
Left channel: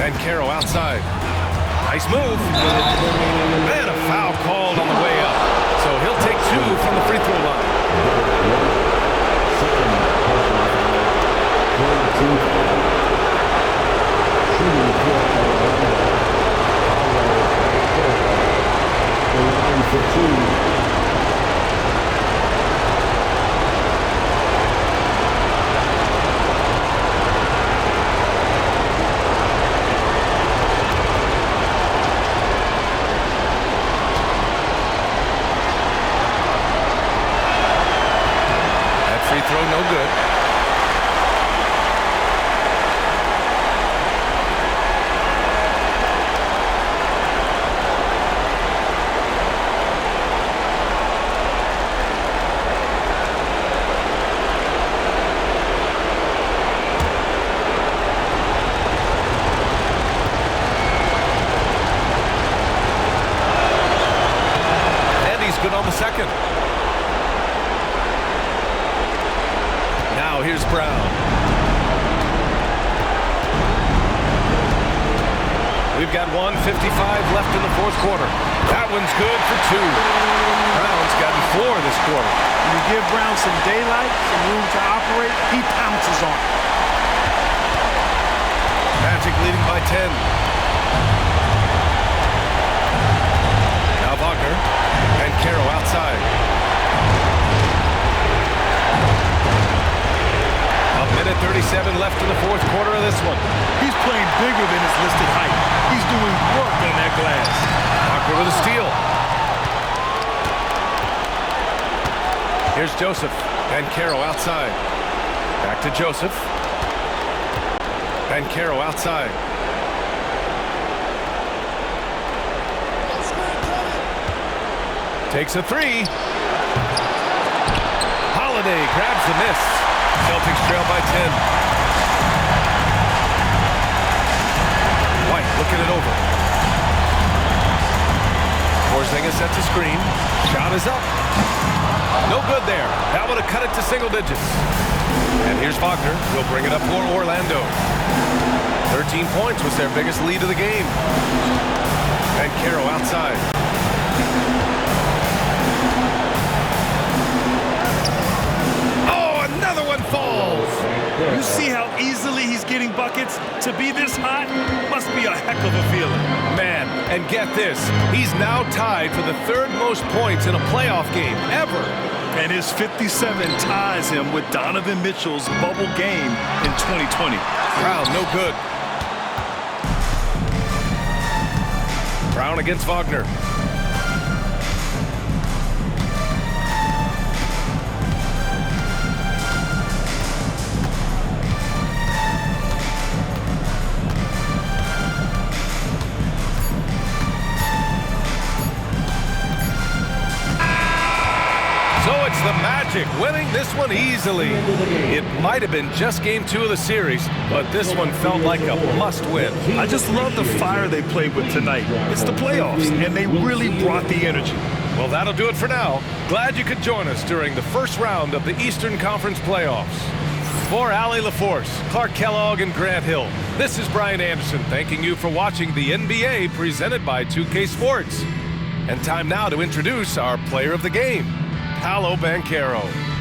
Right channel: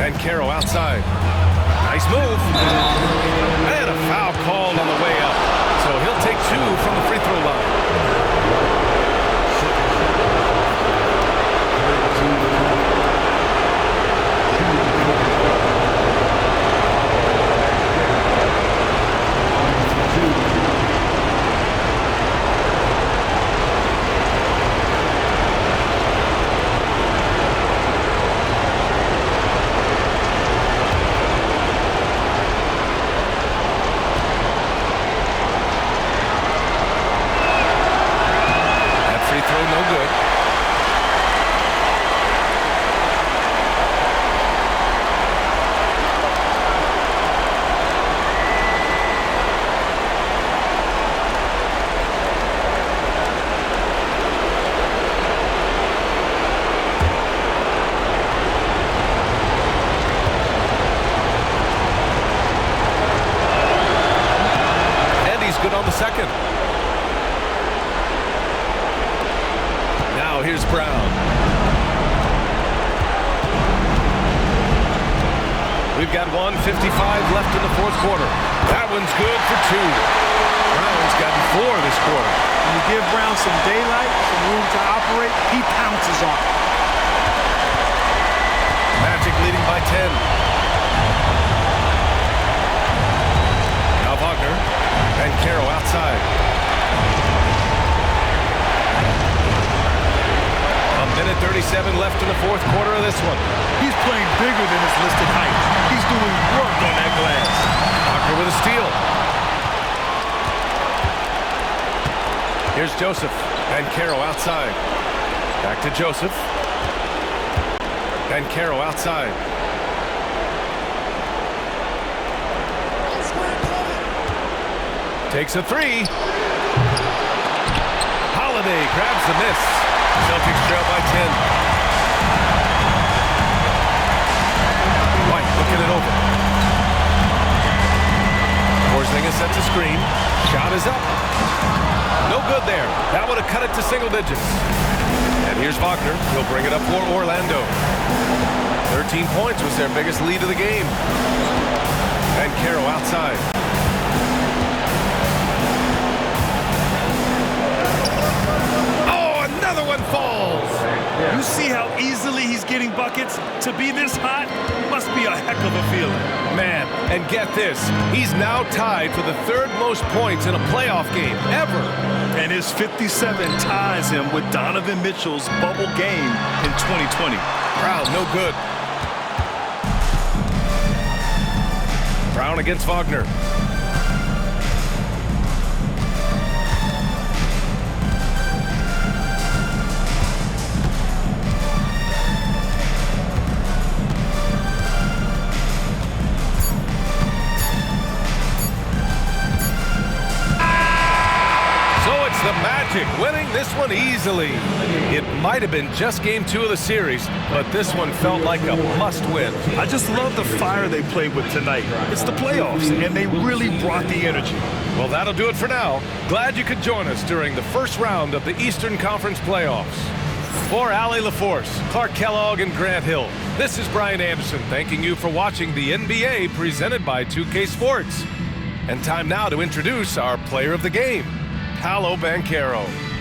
And Carroll outside. Nice move. And a foul called on the way up. So he'll take 2 from the free throw line. That free throw no good. Good on the second. Now here's Brown. We've got 1:55 left in the fourth quarter. That one's good for 2. Brown's gotten 4 this quarter. When you give Brown some daylight, some room to operate, he pounces on it. Magic leading by 10. Now Wagner. And Carroll outside. A minute 37 left in the fourth quarter of this one. He's playing bigger than his listed height. He's doing work on that glass. Wagner with a steal. Here's Joseph. And Carroll outside. Back to Joseph. And Carroll outside. Takes a 3. Holiday grabs the miss. Celtics trail by 10. White looking it over. Porzingis sets a screen. Shot is up. No good there. That would have cut it to single digits. And here's Wagner. He'll bring it up for Orlando. 13 points was their biggest lead of the game. And Carroll outside. Another one falls. You see how easily he's getting buckets? To be this hot must be a heck of a feeling. Man, and get this. He's now tied for the 3rd most points in a playoff game ever. And his 57 ties him with Donovan Mitchell's bubble game in 2020. Brown, no good. Brown against Wagner. The Magic winning this one easily. It might have been just game 2 of the series, but this one felt like a must-win. I just love the fire they played with tonight. It's the playoffs, and they really brought the energy. Well, that'll do it for now. Glad you could join us during the first round of the Eastern Conference playoffs. For Allie LaForce, Clark Kellogg, and Grant Hill, this is Brian Anderson thanking you for watching the NBA presented by 2K Sports. And time now to introduce our player of the game. Paolo Banchero.